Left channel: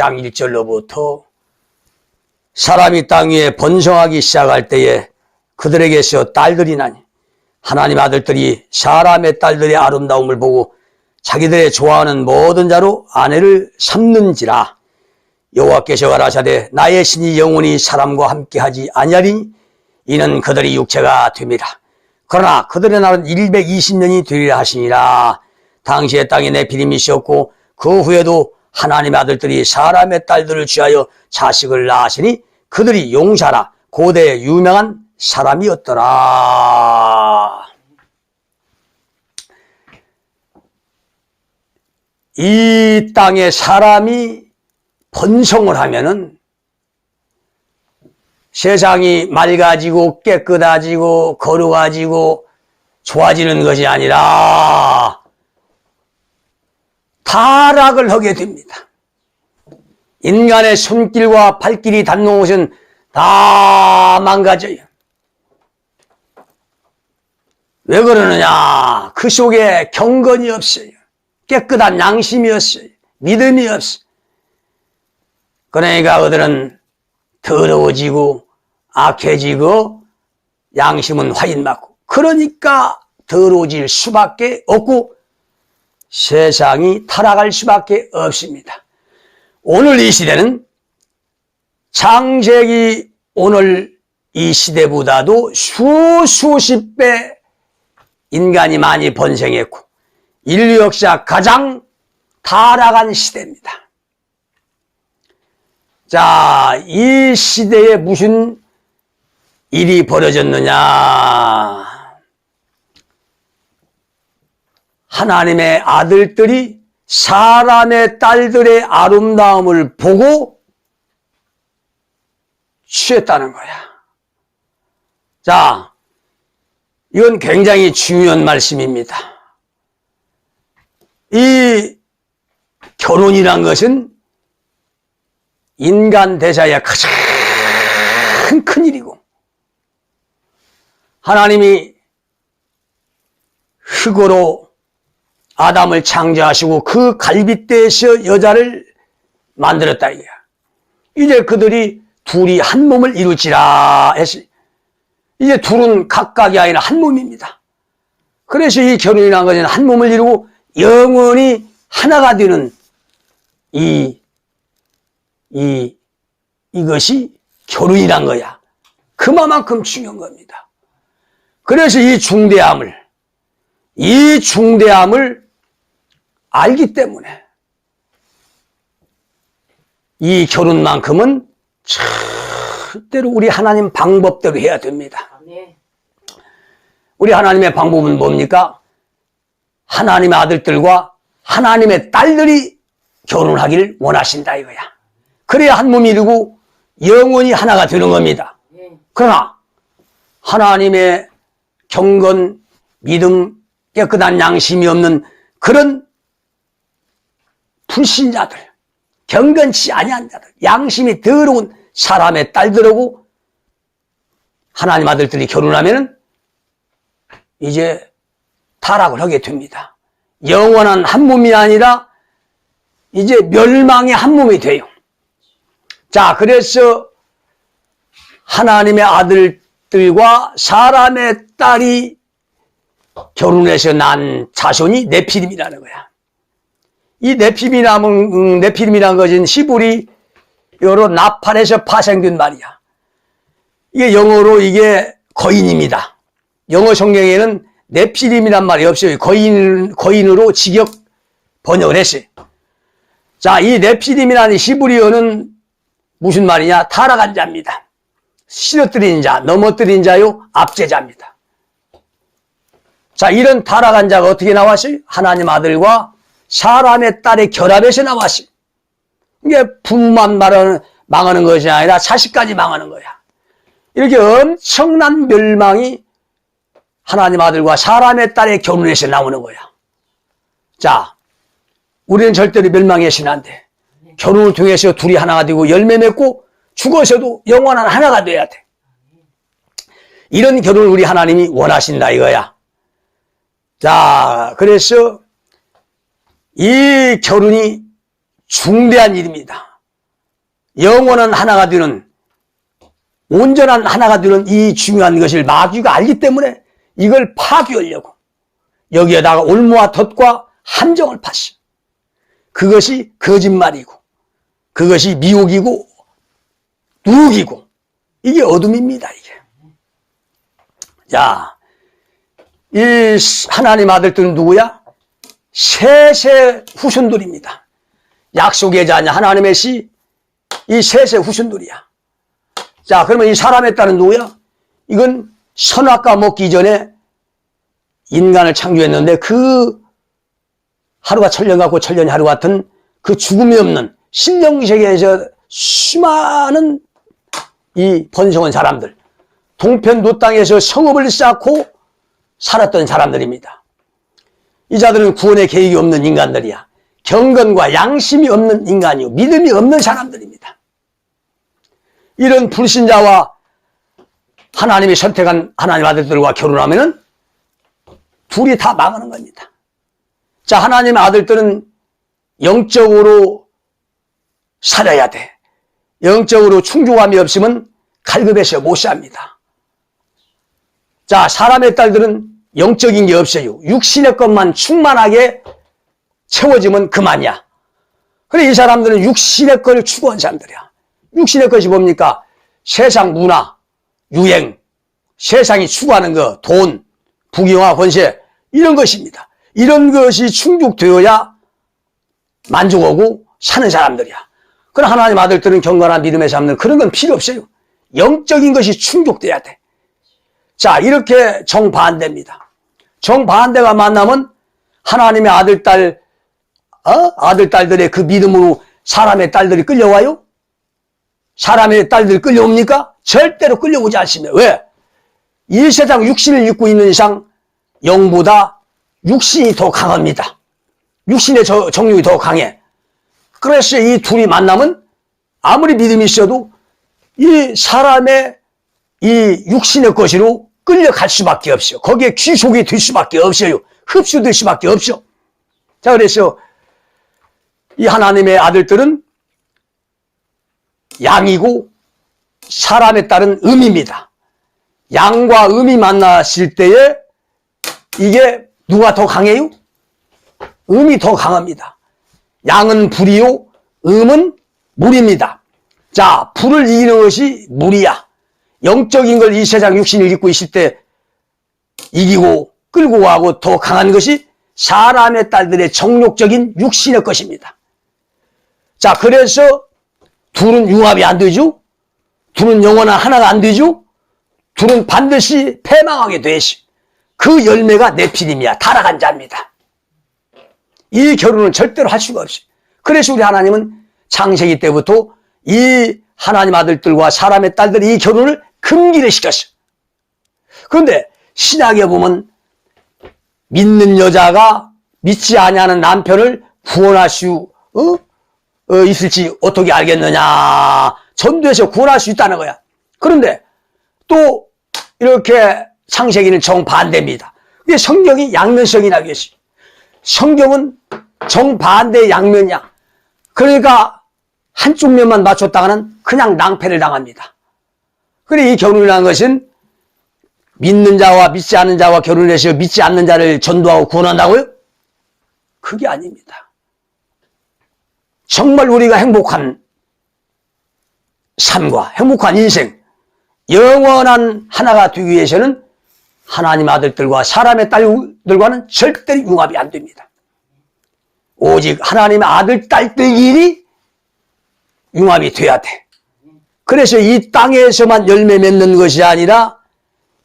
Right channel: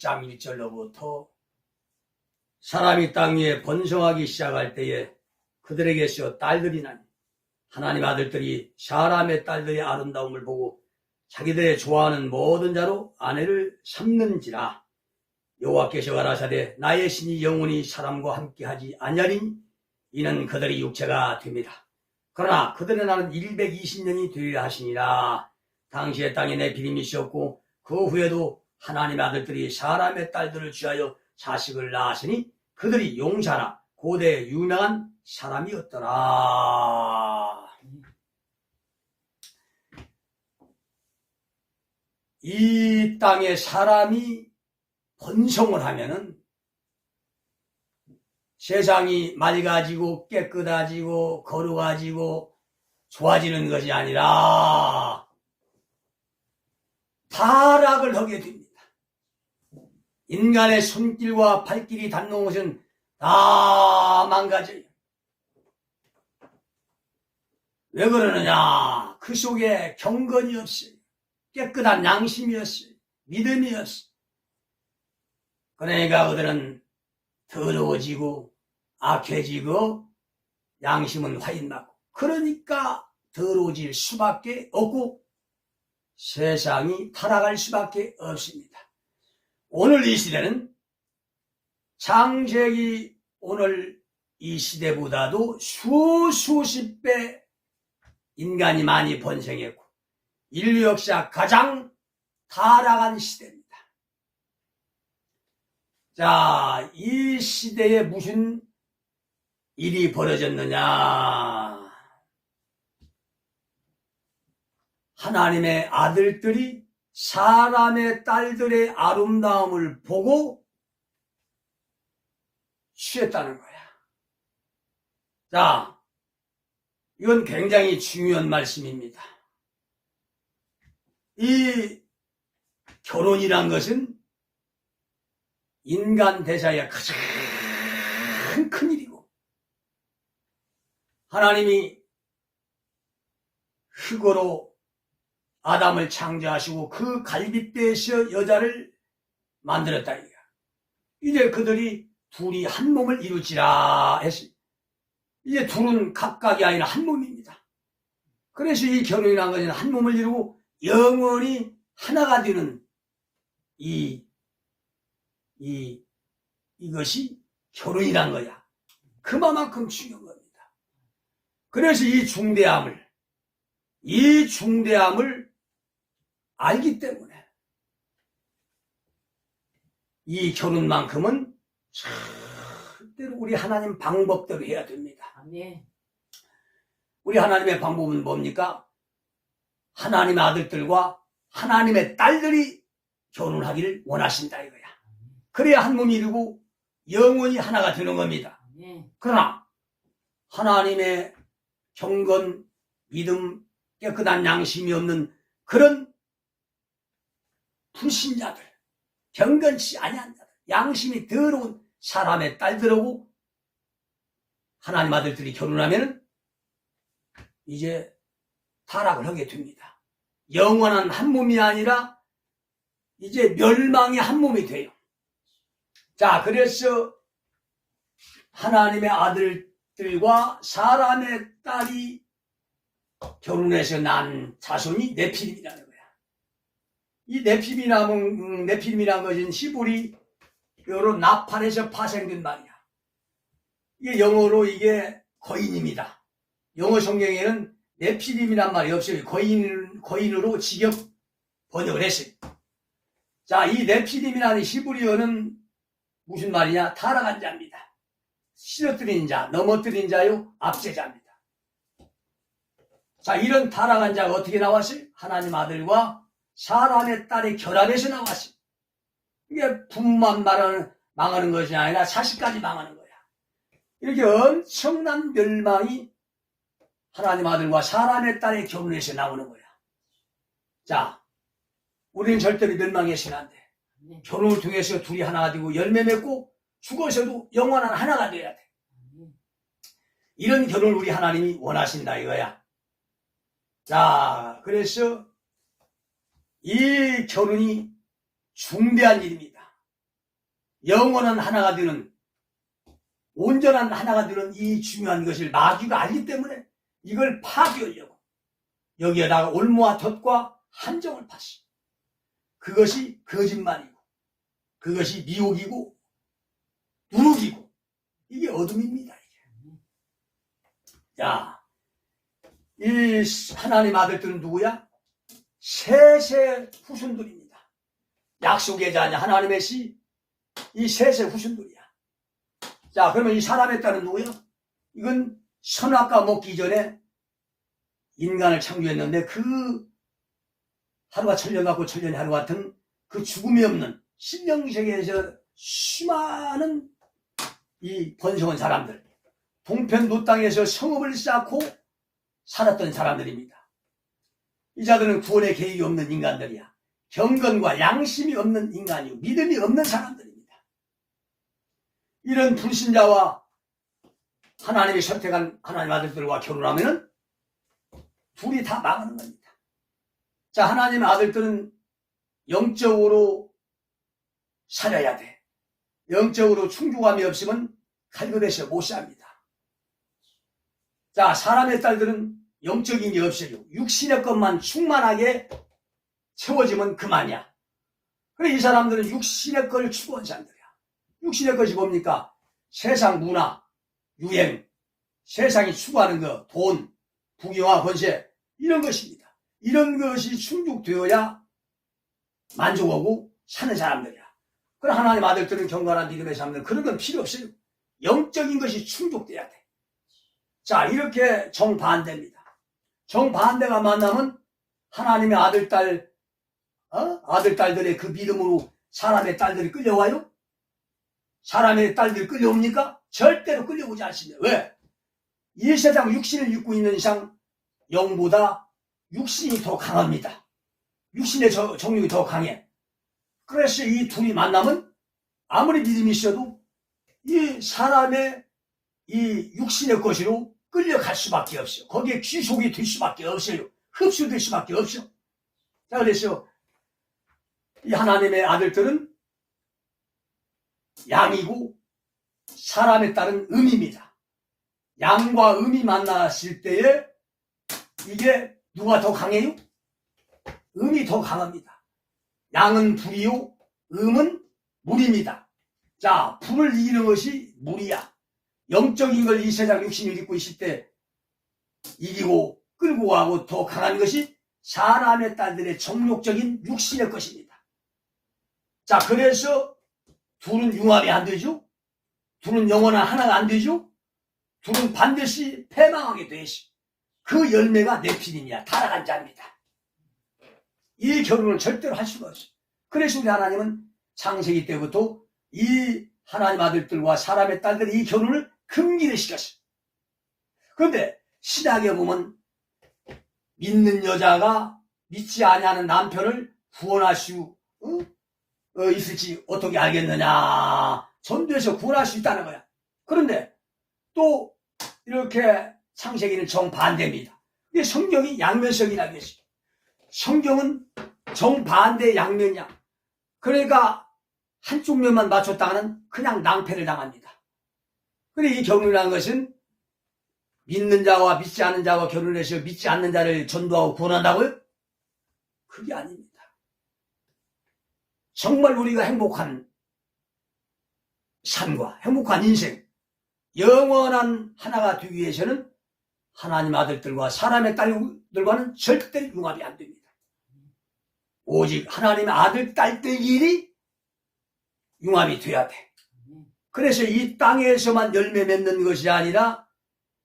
6장 1절로부터 사람이 땅 위에 번성하기 시작할 때에 그들에게서 딸들이 나니 하나님 아들들이 사람의 딸들의 아름다움을 보고 자기들의 좋아하는 모든 자로 아내를 삼는지라. 여호와께서 가라사대 나의 신이 영원히 사람과 함께하지 아니하리니 이는 그들이 육체가 됨이라. 그러나 그들의 날은 120년이 되리라 하시니라. 당시에 땅에 네피림이 있었고 그 후에도 하나님의 아들들이 사람의 딸들을 취하여 자식을 낳으시니 그들이 용사라 고대의 유명한 사람이었더라. 이 땅에 사람이 번성을 하면은 세상이 맑아지고 깨끗해지고 거룩해지고 좋아지는 것이 아니라 타락을 하게 됩니다. 인간의 손길과 발길이 닿는 곳은 다 망가져요. 왜 그러느냐? 그 속에 경건이 없어요. 깨끗한 양심이 없어요. 믿음이 없어요. 그러니까 그들은 더러워지고 악해지고 양심은 화인맞고 그러니까 더러워질 수밖에 없고 세상이 타락할 수밖에 없습니다. 오늘 이 시대는 창세기 오늘 이 시대보다도 수십 배 인간이 많이 번성했고 인류 역사 가장 타락한 시대입니다. 자, 이 시대에 무슨 일이 벌어졌느냐? 하나님의 아들들이 사람의 딸들의 아름다움을 보고 취했다는 거야. 자, 이건 굉장히 중요한 말씀입니다. 이 결혼이란 것은 인간 대사의 가장 큰 일이고 하나님이 흙으로 아담을 창조하시고 그 갈빗대에서 여자를 만들었다 이거야. 이제 그들이 둘이 한 몸을 이룰지라 했어요. 이제 둘은 각각이 아니라 한 몸입니다. 그래서 이 결혼이라는 것은 한 몸을 이루고 영원히 하나가 되는 이것이 결혼이란 거야. 그만큼 중요한 겁니다. 그래서 이 중대함을 알기 때문에 이 결혼만큼은 절대로 우리 하나님 방법대로 해야 됩니다. 우리 하나님의 방법은 뭡니까? 하나님의 아들들과 하나님의 딸들이 결혼하기를 원하신다 이거야. 그래야 한 몸이 이루고 영원히 하나가 되는 겁니다. 그러나 하나님의 경건, 믿음, 깨끗한 양심이 없는 그런 불신자들, 경건치 아니한 자들, 양심이 더러운 사람의 딸들하고 하나님 아들들이 결혼하면 이제 타락을 하게 됩니다. 영원한 한 몸이 아니라 이제 멸망의 한 몸이 돼요. 자, 그래서 하나님의 아들들과 사람의 딸이 결혼해서 난 자손이 네피림이라는 거야. 이 네피림이라는 것은 히브리어로 나팔에서 파생된 말이야. 이게 영어로 이게 거인입니다. 영어 성경에는 네피림이란 말이 없어요. 거인으로 직역 번역을 했어요. 자, 이 네피림이라는 히브리어는 무슨 말이냐? 타락한 자입니다. 쓰러뜨린 자, 넘어뜨린 자요, 압제자입니다. 자, 이런 타락한 자가 어떻게 나왔어요? 하나님 아들과 사람의 딸의 결합에서 나왔어요. 이게 부모만 망하는 것이 아니라 자식까지 망하는 거야. 이렇게 엄청난 멸망이 하나님 아들과 사람의 딸의 결혼에서 나오는 거야. 자, 우리는 절대로 멸망해서는 안 돼. 결혼을 통해서 둘이 하나가 되고 열매 맺고 죽어서도 영원한 하나가 돼야 돼. 이런 결혼을 우리 하나님이 원하신다 이거야. 자, 그래서 이 결혼이 중대한 일입니다. 영원한 하나가 되는, 온전한 하나가 되는 이 중요한 것을 마귀가 알기 때문에 이걸 파괴하려고 여기에다가 올무와 덫과 함정을 파시. 그것이 거짓말이고, 그것이 미혹이고, 누룩이고, 이게 어둠입니다, 이게. 자, 이 하나님 아들들은 누구야? 셋의 후손들입니다. 약속의 자녀, 하나님의 씨, 이 셋의 후손들이야. 자, 그러면 이 사람의 딸은 누구야? 이건 선악과 먹기 전에 인간을 창조했는데 그 하루가 천년 같고 천년이 하루 같은 그 죽음이 없는 신명세계에서 수많은 이 번성한 사람들, 동편도 땅에서 성읍을 쌓고 살았던 사람들입니다. 이 자들은 구원의 계획이 없는 인간들이야. 경건과 양심이 없는 인간이고 믿음이 없는 사람들입니다. 이런 불신자와 하나님이 선택한 하나님 아들들과 결혼하면은 둘이 다 망하는 겁니다. 자, 하나님의 아들들은 영적으로 살아야 돼. 영적으로 충족함이 없으면 갈급해서 못 삽니다. 자, 사람의 딸들은 영적인 게 없어요. 육신의 것만 충만하게 채워지면 그만이야. 그래, 이 사람들은 육신의 걸 추구한 사람들이야. 육신의 것이 뭡니까? 세상 문화, 유행, 세상이 추구하는 거, 돈, 부귀영화, 권세, 이런 것입니다. 이런 것이 충족되어야 만족하고 사는 사람들이야. 그러나 하나님 아들들은 경건한 믿음의 사람들은 그런 건 필요 없어요. 영적인 것이 충족돼야 돼. 자, 이렇게 정반대입니다. 정반대가 만나면 하나님의 아들, 딸들의 그 믿음으로 사람의 딸들이 끌려와요? 사람의 딸들이 끌려옵니까? 절대로 끌려오지 않습니다. 왜? 이 세상 육신을 입고 있는 이상 영보다 육신이 더 강합니다. 육신의 정욕이 더 강해. 그래서 이 둘이 만나면 아무리 믿음이 있어도 이 사람의 이 육신의 것으로 끌려갈 수밖에 없어요. 거기에 귀속이 될 수밖에 없어요. 흡수될 수밖에 없어. 자, 그래서 이 하나님의 아들들은 양이고 사람의 딸은 음입니다. 양과 음이 만났을 때에 이게 누가 더 강해요? 음이 더 강합니다. 양은 불이요, 음은 물입니다. 자, 불을 이기는 것이 물이야. 영적인 걸 이 세상 육신을 입고 있을 때 이기고 끌고 가고 더 강한 것이 사람의 딸들의 정욕적인 육신의 것입니다. 자, 그래서 둘은 융합이 안 되죠? 둘은 영원한 하나가 안 되죠? 둘은 반드시 패망하게 되시. 그 열매가 네피림이야. 타락한 자입니다. 이 결혼은 절대로 할 수가 없어요. 그래서 우리 하나님은 창세기 때부터 이 하나님 아들들과 사람의 딸들이 이 결혼을 금기를 시켰어요. 그런데 신약에 보면 믿는 여자가 믿지 아니하는 남편을 구원할 수 있을지 어떻게 알겠느냐. 전도해서 구원할 수 있다는 거야. 그런데 또 이렇게 창세기는 정반대입니다. 이게 성경이 양면성이라고 했어요. 성경은 정반대의 양면이야. 그러니까 한쪽 면만 맞췄다가는 그냥 낭패를 당합니다. 그래, 이 결혼이라는 것은 믿는 자와 믿지 않는 자와 결혼해서 믿지 않는 자를 전도하고 구원한다고요? 그게 아닙니다. 정말 우리가 행복한 삶과 행복한 인생, 영원한 하나가 되기 위해서는 하나님 아들들과 사람의 딸들과는 절대로 융합이 안 됩니다. 오직 하나님의 아들, 딸들끼리 융합이 돼야 돼. 그래서 이 땅에서만 열매 맺는 것이 아니라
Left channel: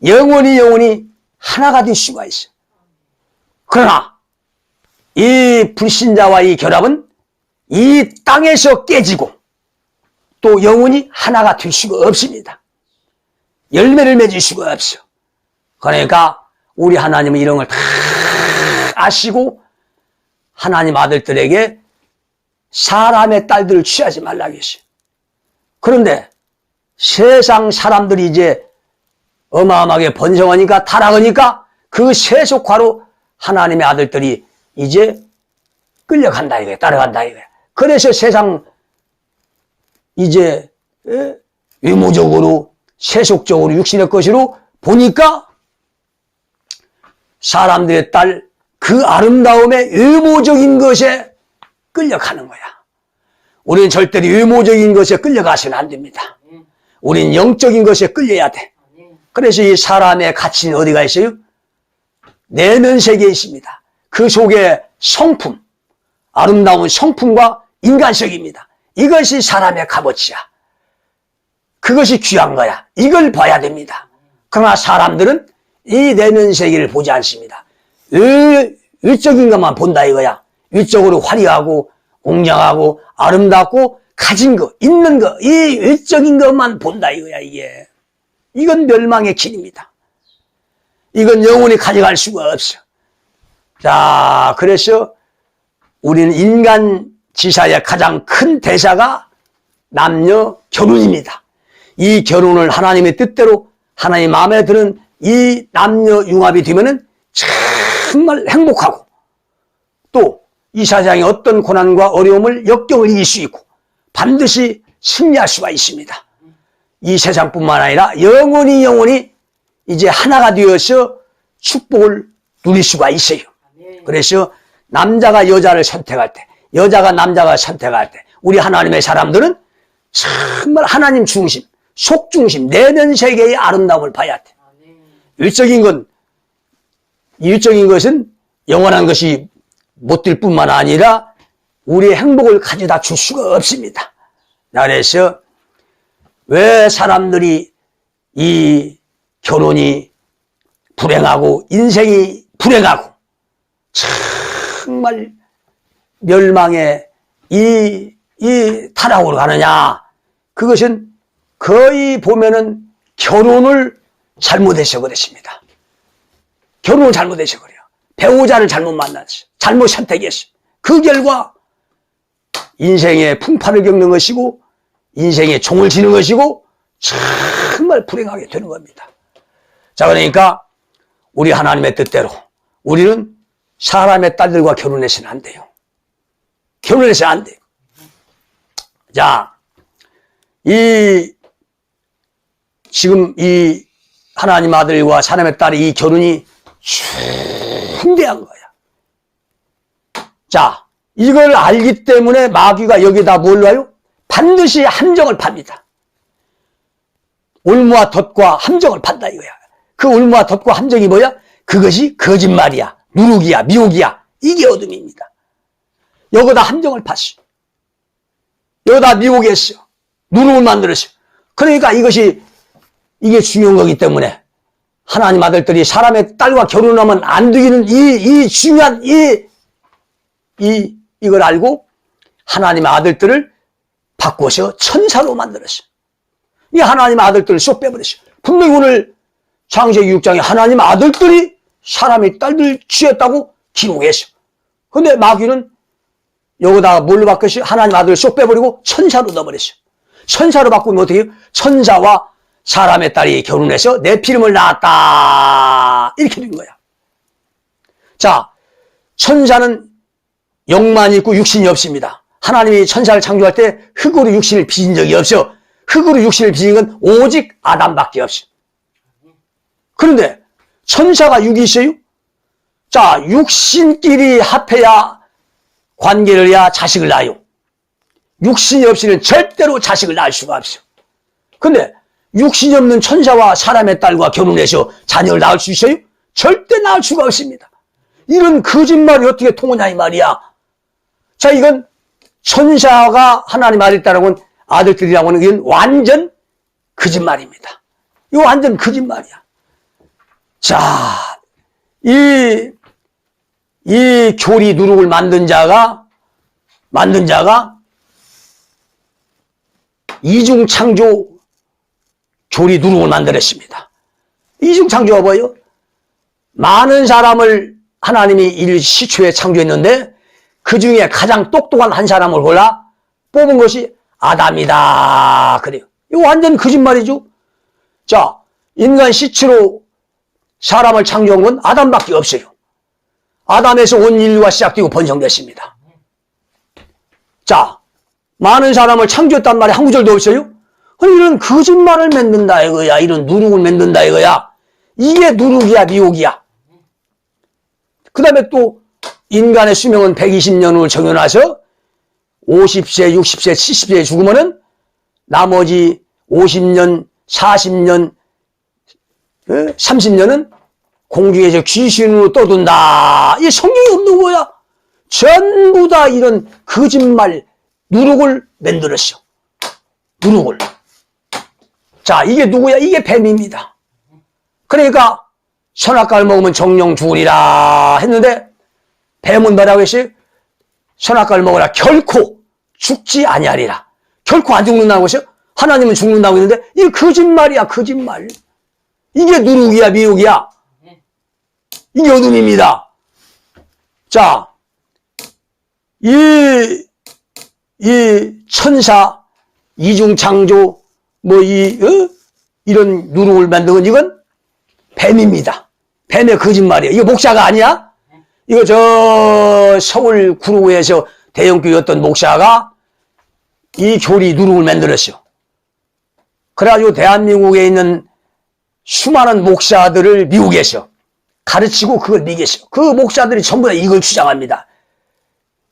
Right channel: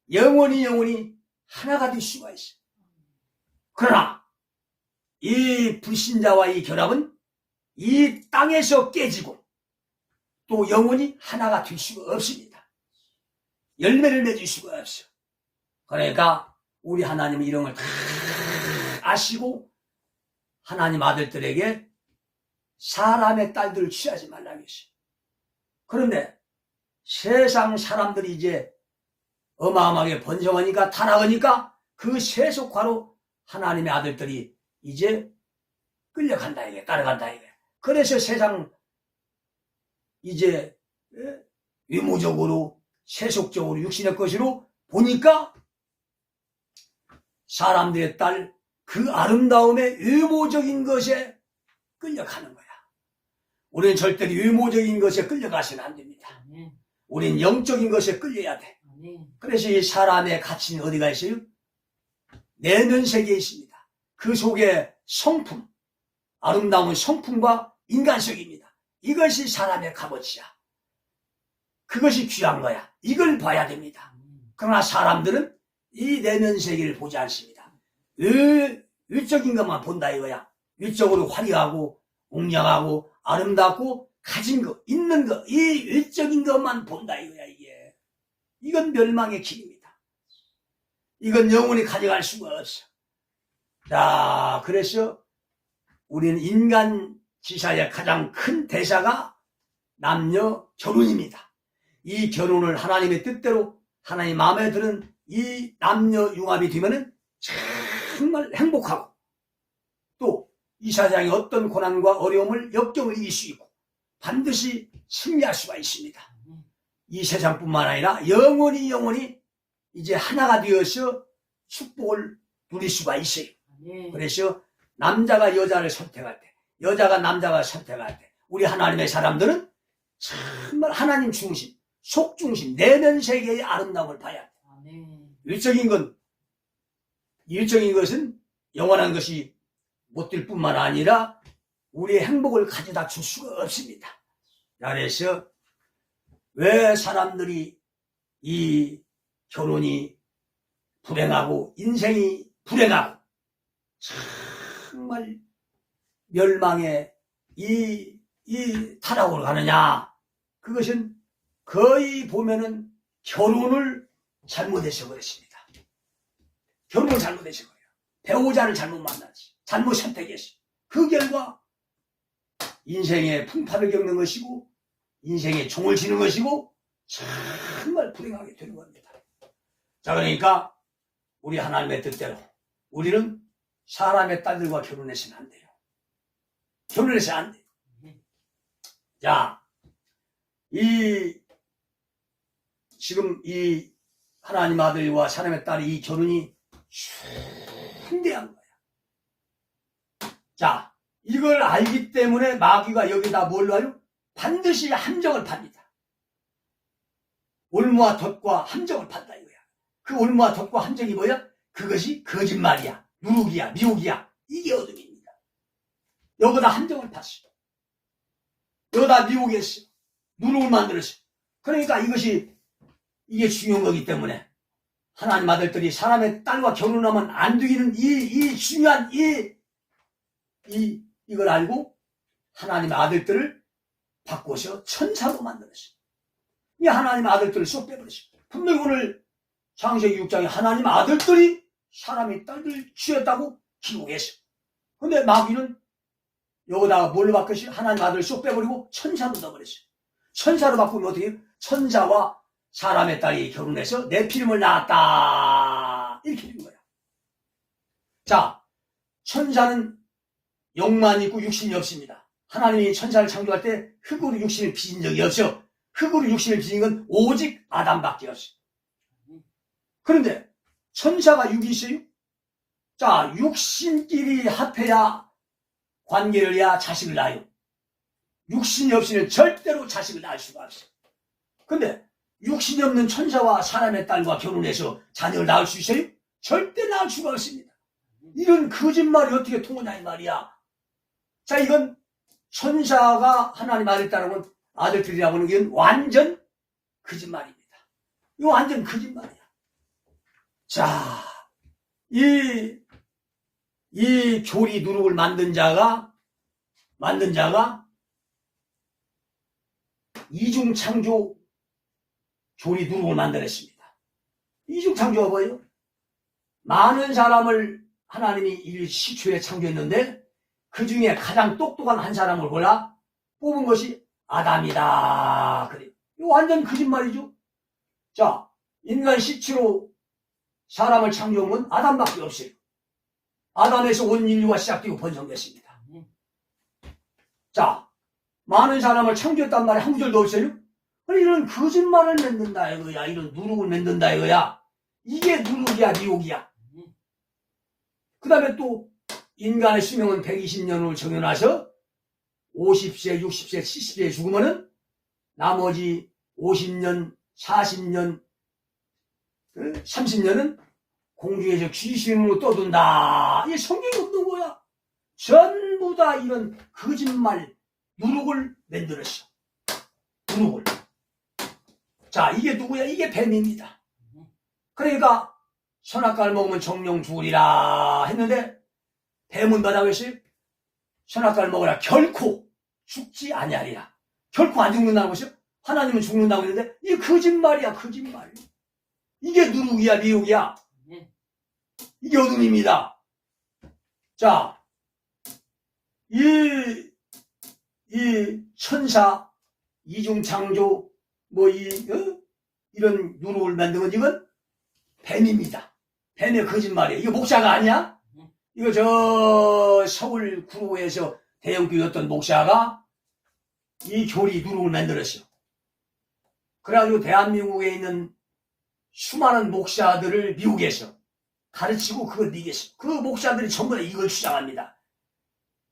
영원히 하나가 될 수가 있어요. 그러나 이 불신자와 이 결합은 이 땅에서 깨지고 또 영원히 하나가 될 수가 없습니다. 열매를 맺을 수가 없어. 그러니까 우리 하나님은 이런 걸 다 아시고 하나님 아들들에게 사람의 딸들을 취하지 말라고 했어요. 그런데 세상 사람들이 이제 어마어마하게 번성하니까 타락하니까 그 세속화로 하나님의 아들들이 이제 끌려간다 이거야. 따라간다 이거야. 그래서 세상 이제 외모적으로 세속적으로 육신의 것으로 보니까 사람들의 딸 그 아름다움의 외모적인 것에 끌려가는 거야. 우리는 절대로 외모적인 것에 끌려가서는 안 됩니다. 우리는 영적인 것에 끌려야 돼. 그래서 이 사람의 가치는 어디가 있어요? 내는 세계에 있습니다. 그 속에 성품, 아름다운 성품과 인간성입니다. 이것이 사람의 값어치야. 그것이 귀한 거야. 이걸 봐야 됩니다. 그러나 사람들은 이 내면 세계를 보지 않습니다. 일적인 것만 본다 이거야. 일적으로 화려하고 웅장하고 아름답고 가진 거, 있는 거, 이 일적인 것만 본다 이거야 이게. 이건 멸망의 길입니다. 이건 영원히 가져갈 수가 없어. 자, 그래서 우리는 인간 지사의 가장 큰 대사가 남녀 결혼입니다. 이 결혼을 하나님의 뜻대로 하나님 마음에 드는 이 남녀 융합이 되면은 정말 행복하고 또 이 세상의 어떤 고난과 어려움을 역경을 이길 수 있고 반드시 승리할 수가 있습니다. 이 세상뿐만 아니라 영원히 이제 하나가 되어서 축복을 누릴 수가 있어요. 그래서 남자가 여자를 선택할 때, 여자가 남자가 선택할 때 우리 하나님의 사람들은 정말 하나님 중심, 속 중심, 내면 세계의 아름다움을 봐야 돼. 일적인 것은 영원한 것이 못 될 뿐만 아니라 우리의 행복을 가져다 줄 수가 없습니다. 그래서 왜 사람들이 이 결혼이 불행하고 인생이 불행하고 정말 멸망의 이 타락으로 가느냐? 그것은 거의 보면은 결혼을 잘못해서 그랬습니다. 결혼을 잘못해서 그래요. 배우자를 잘못 만났어. 잘못 선택했어. 그 결과 인생의 풍파를 겪는 것이고 인생의 종을 지는 것이고 정말 불행하게 되는 겁니다. 자, 그러니까 우리 하나님의 뜻대로 우리는 사람의 딸들과 결혼해서는 안 돼요. 결혼해서는 안 돼요. 자, 지금 이 하나님 아들과 사람의 딸의 이 결혼이 중대한 거야. 자, 이걸 알기 때문에 마귀가 여기다 뭘 놔요? 반드시 함정을 팝니다. 올무와 덫과 함정을 판다 이거야. 그 올무와 덫과 함정이 뭐야? 그것이 거짓말이야, 누룩이야, 미혹이야. 이게 어둠입니다. 여기다 함정을 팠어. 여기다 미혹했어. 누룩을 만들었어. 그러니까 이게 중요한 거기 때문에 하나님 아들들이 사람의 딸과 결혼하면 안 되기는 이 중요한 이걸 알고 하나님의 아들들을 바꿔서 천사로 만들었어. 이 하나님의 아들들을 쏙 빼버렸어. 분명히 오늘 창세기 6장에 하나님의 아들들이 사람의 딸들 취했다고 기록했어. 근데 마귀는 여기다가 뭘로 바꿨어? 하나님의 아들을 쏙 빼버리고 천사로 넣어버렸어. 천사로 바꾸면 어떻게 해요? 천사와 사람의 딸이 결혼해서 내 피름을 낳았다. 이렇게 된 거야. 자, 천사는 영만 있고 육신이 없습니다. 하나님이 천사를 창조할 때 흙으로 육신을 빚은 적이 없어. 흙으로 육신을 빚은 건 오직 아담밖에 없어. 그런데 천사가 육이 있어요? 자, 육신끼리 합해야 관계를 해야 자식을 낳아요. 육신이 없이는 절대로 자식을 낳을 수가 없어. 근데 육신이 없는 천사와 사람의 딸과 결혼해서 자녀를 낳을 수 있어요? 절대 낳을 수가 없습니다. 이런 거짓말이 어떻게 통하냐 이 말이야. 자, 이건 천사가 하나님 아들들이라고 하는 게 완전 거짓말입니다. 이거 완전 거짓말이야. 자, 이 교리 누룩을 만든 자가 이중창조 교리 누룩을 만들었습니다. 이중창조가 뭐예요? 많은 사람을 하나님이 일시초에 창조했는데 그 중에 가장 똑똑한 한 사람을 골라 뽑은 것이 아담이다. 그래요. 이거 완전 거짓말이죠. 자, 인간 시체로 사람을 창조한 건 아담밖에 없어요. 아담에서 온 인류가 시작되고 번성됐습니다. 자, 많은 사람을 창조했단 말이 한 구절도 없어요? 이런 거짓말을 만든다 이거야. 이런 누룩을 만든다 이거야. 이게 누룩이야, 미혹이야. 그 다음에 또 인간의 수명은 120년을 정해놔서 50세, 60세, 70세에 죽으면은 나머지 50년, 40년, 30년은 공중에서 귀신으로 떠든다. 이 성경이 없는 거야. 전부 다 이런 거짓말, 누룩을 만들었어. 누룩을. 자, 이게 누구야? 이게 뱀입니다. 그러니까 선악과를 먹으면 정령 죽으리라 했는데 뱀은 뭐라고 했어요? 선악과를 먹으라 결코 죽지 아니하리라. 결코 안 죽는다고 했어요? 하나님은 죽는다고 했는데 이게 거짓말이야, 거짓말. 이게 누룩이야, 미혹이야. 이게 어둠입니다. 자, 이 천사, 이중창조, 이런 누룩을 만든 건 이건 뱀입니다. 뱀의 거짓말이에요. 이거 목사가 아니야? 이거 저 서울 구로구에서 대형교회였던 목사가 이 교리 누룩을 만들었어요. 그래가지고 대한민국에 있는 수많은 목사들을 미국에서 가르치고 그걸 미겠어. 그 목사들이 전부 다 이걸 주장합니다.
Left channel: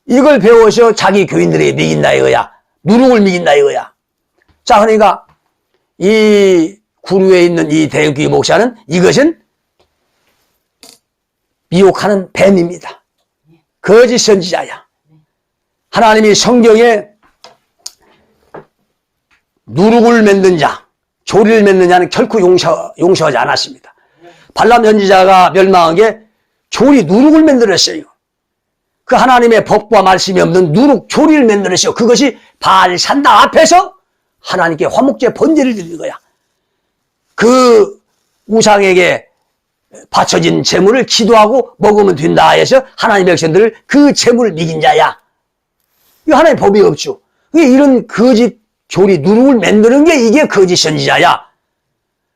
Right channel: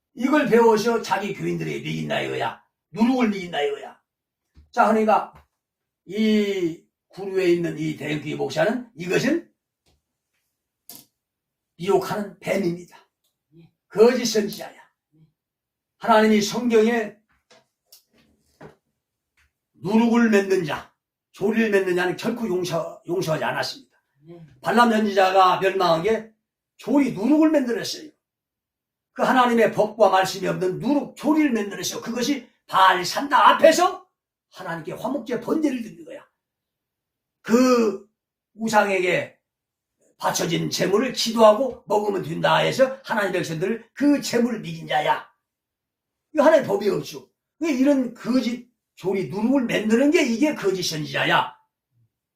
이걸 배워서 자기 교인들에게 미긴다 이거야. 누룩을 미긴다 이거야. 자, 그러니까 이 구루에 있는 이 대형교회 목사는 이것은 미혹하는 뱀입니다. 거짓 선지자야. 하나님이 성경에 누룩을 만든 자, 조리를 만든 자는 결코 용서하지 않았습니다. 발람 선지자가 멸망한 게 조리 누룩을 만들었어요. 그 하나님의 법과 말씀이 없는 누룩 조리를 만들었어요. 그것이 바알 산당 앞에서 하나님께 화목제 번제를 드리는 거야. 그 우상에게 바쳐진 제물을 기도하고 먹으면 된다 해서 하나님의 백성들을 그 제물을 미긴 자야. 이거 하나님의 법이 없죠. 이런 거짓 조리 누룩을 만드는 게 이게 거짓 선지자야.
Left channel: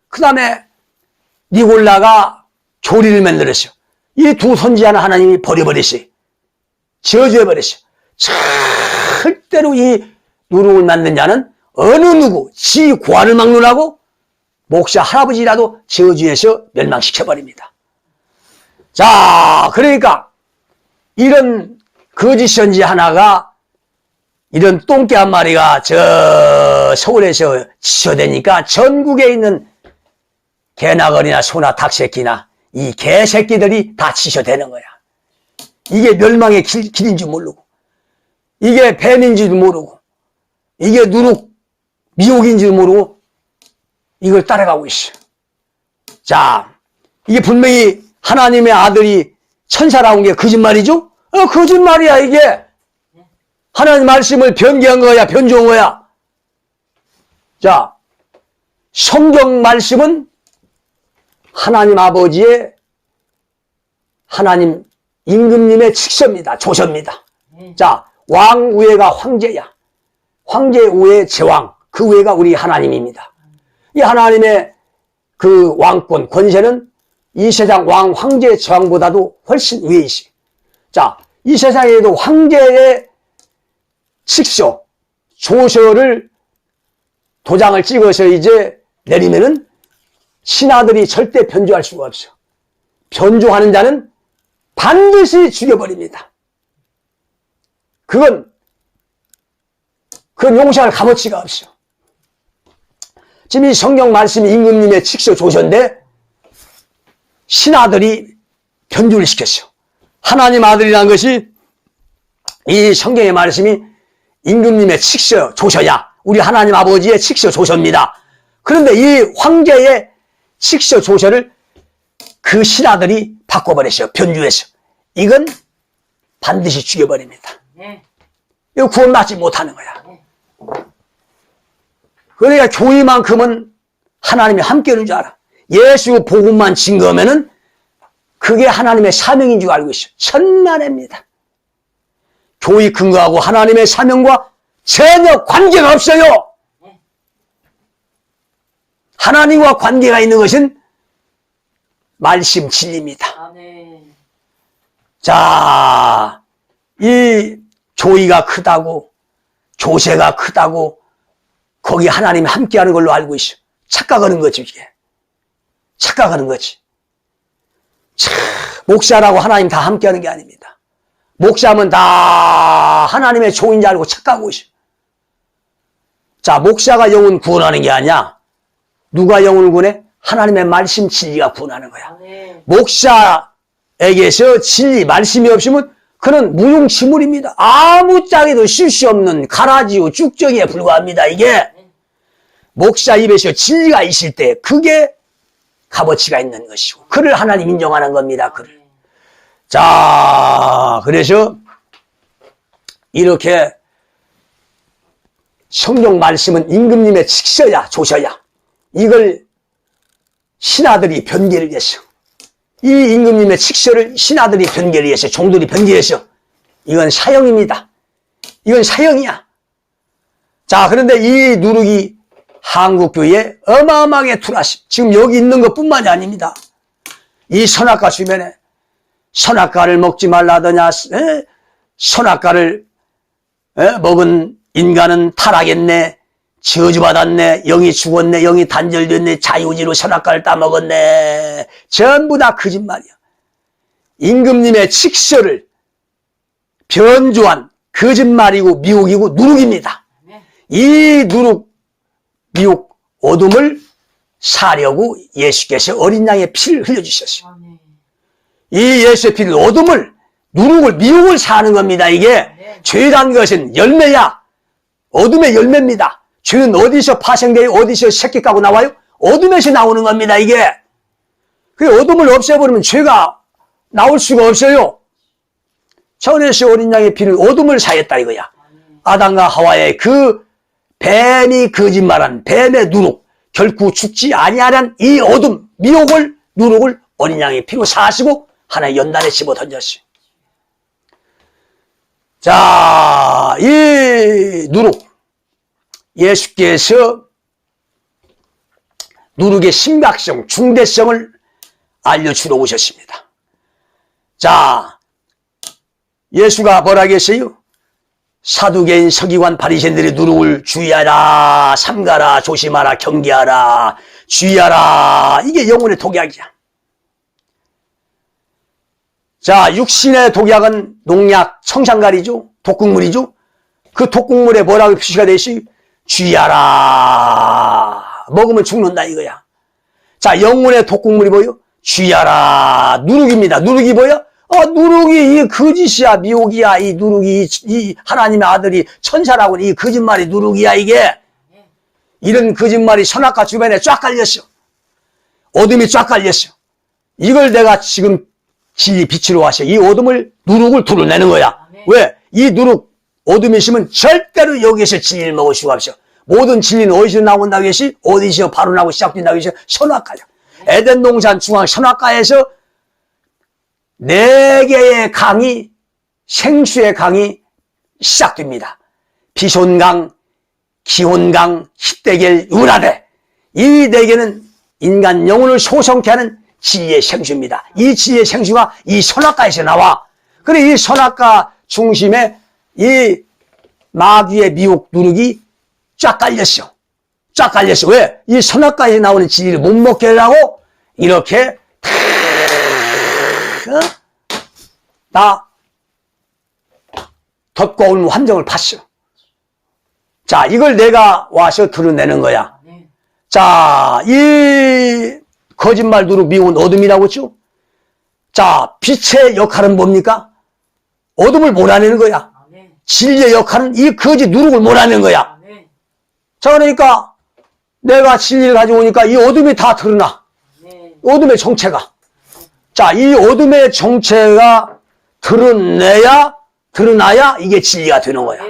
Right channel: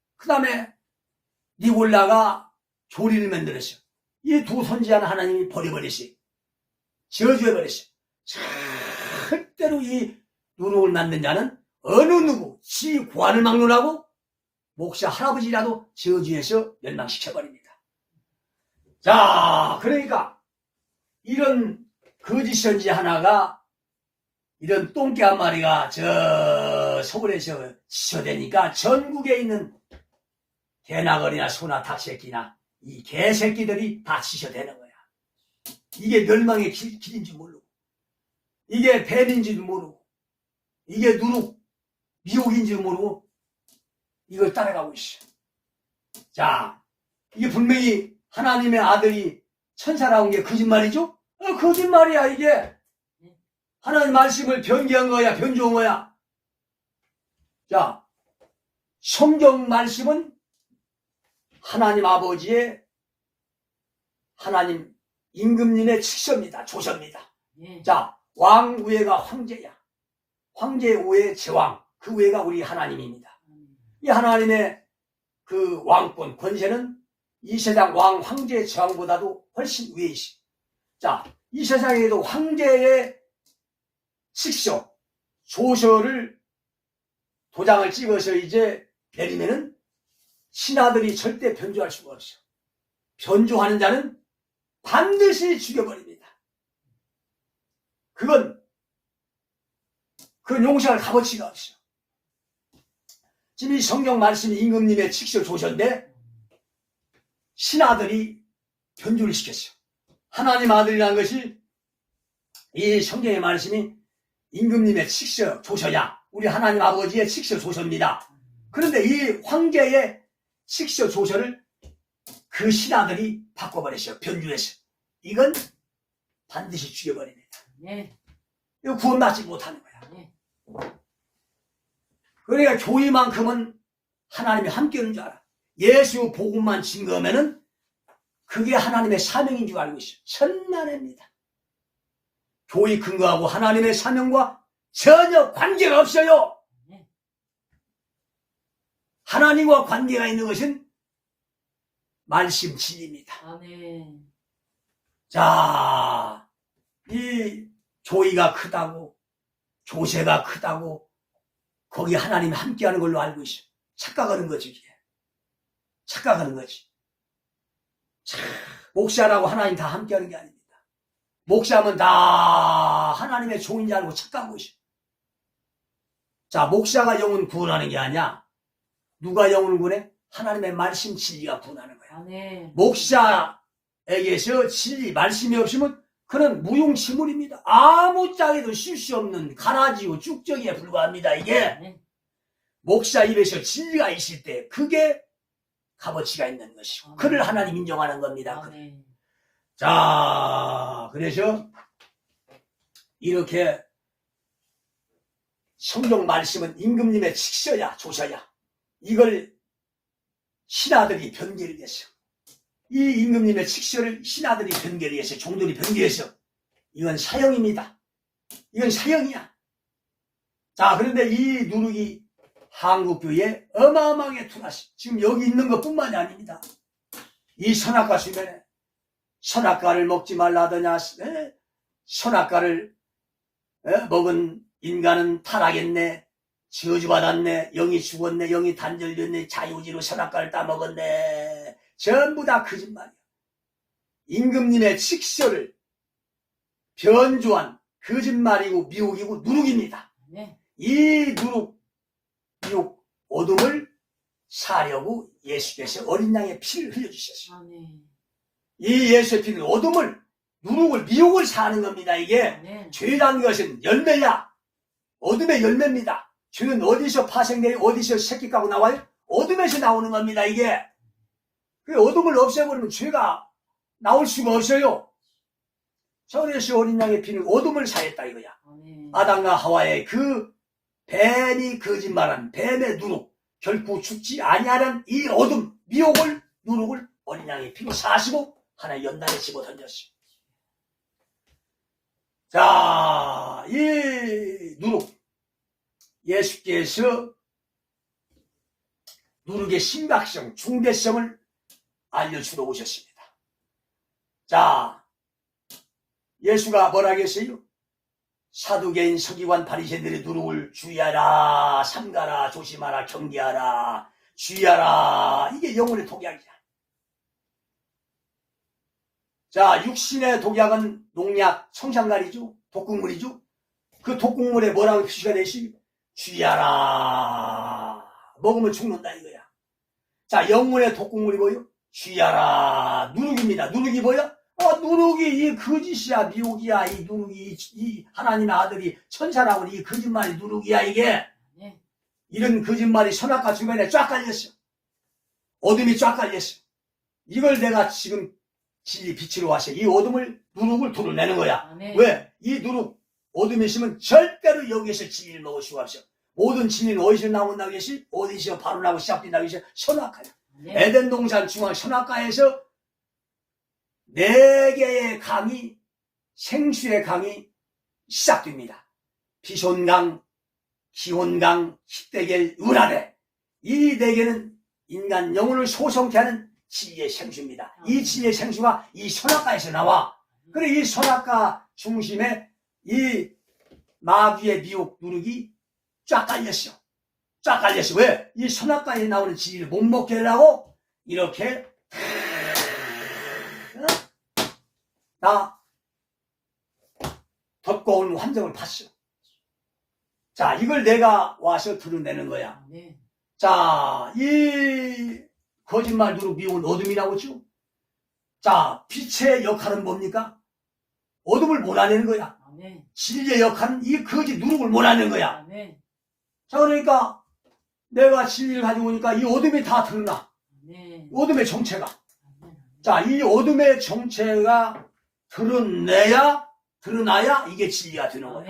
그 다음에 니골라가 조리를 만들었어요. 이 두 선지자는 하나님이 버려버렸어요. 저주해버렸어요. 절대로 이 누룩을 만든 자는 어느 누구, 지 고안을 막론하고 목사 할아버지라도 저주해서 멸망시켜버립니다. 자, 그러니까 이런 거짓 선지 하나가 이런 똥개 한 마리가 저 서울에서 지쳐대니까 전국에 있는 개나거리나 소나 닭새끼나 이 개새끼들이 다 지쳐대는 거야. 이게 멸망의 길인 줄 모르고 이게 뱀인 줄 모르고 이게 누룩 미혹인 줄 모르고 이걸 따라가고 있어. 자, 이게 분명히 하나님의 아들이 천사라온 게 거짓말이죠? 거짓말이야 이게. 하나님 말씀을 변개한 거야, 변조한 거야. 자, 성경 말씀은 하나님 아버지의 하나님 임금님의 직서입니다. 조서입니다. 자, 왕 위에가 황제야. 황제 위에 제왕, 그 위에가 우리 하나님입니다. 이 하나님의 그 왕권, 권세는 이 세상 왕, 황제, 제왕보다도 훨씬 위에 있어. 자, 이 세상에도 황제의 직서, 조서를 도장을 찍어서 이제 내리면은 신하들이 절대 변조할 수가 없어. 변조하는 자는 반드시 죽여버립니다. 그건 용서할 값어치가 없어. 지금 이 성경 말씀이 임금님의 직서 조서인데 신하들이 변조를 시켰어. 하나님 아들이라는 것이 이 성경의 말씀이 임금님의 직서 조서야. 우리 하나님 아버지의 직서 조서입니다. 그런데 이 황제의 직서 조서를 그 신하들이 바꿔버렸어요. 변주해서. 이건 반드시 죽여버립니다. 이거 구원받지 못하는 거야. 그러니까 교회만큼은 하나님이 함께하는 줄 알아. 예수 복음만 증거하면은 그게 하나님의 사명인 줄 알고 있어. 천만입니다. 교회 근거하고 하나님의 사명과 전혀 관계가 없어요. 하나님과 관계가 있는 것은 말씀 진리입니다. 자, 이 교회가 크다고 교세가 크다고 거기 하나님이 함께하는 걸로 알고 있어. 착각하는 거지 이게. 착각하는 거지. 참, 목사라고 하나님 다 함께하는 게 아닙니다. 목사면 다 하나님의 종인 줄 알고 착각하고 있어. 자, 목사가 영혼 구원하는 게 아니야. 누가 영혼을 구원해? 하나님의 말씀 진리가 구원하는 거야. 네. 목사에게서 진리, 말씀이 없으면 그는 무용지물입니다. 아무 짝에도 쓸 수 없는 가라지요 쭉정이에 불과합니다. 이게 목사 입에서 진리가 있을 때 그게 값어치가 있는 것이고 그를 하나님 인정하는 겁니다. 그를. 자, 그래서 이렇게 성경 말씀은 임금님의 직서야 조서야 이걸 신하들이 변개를 했어. 이 임금님의 직서를 신하들이 변개를 했어. 종들이 변개했어. 이건 사형입니다. 이건 사형이야. 자, 그런데 이 누룩이 한국교회에 어마어마하게 들어왔어. 지금 여기 있는 것뿐만이 아닙니다. 이 선악과 주변에 선악과를 먹지 말라더냐, 선악과를 먹은 인간은 타락했네, 저주받았네, 영이 죽었네, 영이 단절됐네, 자유지로 선악과를 따먹었네. 전부 다 거짓말이야. 임금님의 직서를 변조한 거짓말이고 미혹이고 누룩입니다. 이 누룩, 미혹, 어둠을 사려고 예수께서 어린 양의 피를 흘려주셨어요. 이 예수의 피를 어둠을, 누룩을, 미혹을 사는 겁니다. 이게 죄란 것은 열매야. 어둠의 열매입니다. 죄는 어디서 파생돼요? 어디서 새끼 까고 나와요? 어둠에서 나오는 겁니다. 이게. 그 어둠을 없애버리면 죄가 나올 수가 없어요. 천에서 어린 양의 피를 어둠을 사했다 이거야. 아담과 하와의 그 뱀이 거짓말한 뱀의 누룩, 결코 죽지 아니하는 이 어둠, 미혹을, 누룩을 어린 양의 피로 사시고 하나의 연단에 집어 던졌어요. 자, 이 누룩, 예수께서 누룩의 심각성, 중대성을 알려주러 오셨습니다. 자, 예수가 뭐라 했어요? 사두개인, 서기관, 바리새인들이 누룩을 주의하라, 삼가라, 조심하라, 경계하라, 주의하라. 이게 영혼의 독약이야. 자, 육신의 독약은 농약, 청산가리죠. 독극물이죠. 그 독극물에 뭐라고 표시가 되어 있어요? 주의하라. 먹으면 죽는다 이거야. 자, 영혼의 독극물이 뭐예요? 주의하라. 누룩입니다. 누룩이 뭐야? 누룩이 이 거짓이야, 미혹이야. 이 누룩이 이 하나님의 아들이 천사라고 이 거짓말이 누룩이야 이게. 이런 거짓말이 선악과 주변에 쫙 깔렸어. 어둠이 쫙 깔렸어. 이걸 내가 지금 진리 빛으로 하셔. 이 어둠을, 누룩을 드러내는 거야. 왜? 이 누룩, 어둠이 있으면 절대로 여기에서 진리를 먹을 수가 없어. 모든 진리는 어디서 나온다고 했지? 어디서 발언하고 시작된다고 했지? 선악과야. 에덴 동산 중앙 선악과에서 4개의 강이, 생수의 강이 시작됩니다. 비손강, 기혼강, 히데겔, 유라데. 이 4개는 인간 영혼을 소성케 하는 진리의 생수입니다. 이 진리의 생수가 이 선악과에서 나와. 그래, 이 선악과 중심에 이 마귀의 미혹 누룩이 쫙 깔렸어. 쫙 깔렸어. 왜? 이 선악과에서 나오는 진리를 못 먹게 하려고 이렇게 다 덮고 온 함정을 팠어. 자, 이걸 내가 와서 드러내는 거야. 자, 이 거짓말 누룩 미운 어둠이라고 했죠? 자, 빛의 역할은 뭡니까? 어둠을 몰아내는 거야. 진리의 역할은 이 거짓 누룩을 몰아내는 거야. 자, 그러니까 내가 진리를 가져오니까 이 어둠이 다 드러나. 어둠의 정체가. 자, 이 어둠의 정체가 드러나야 이게 진리가 되는 거야.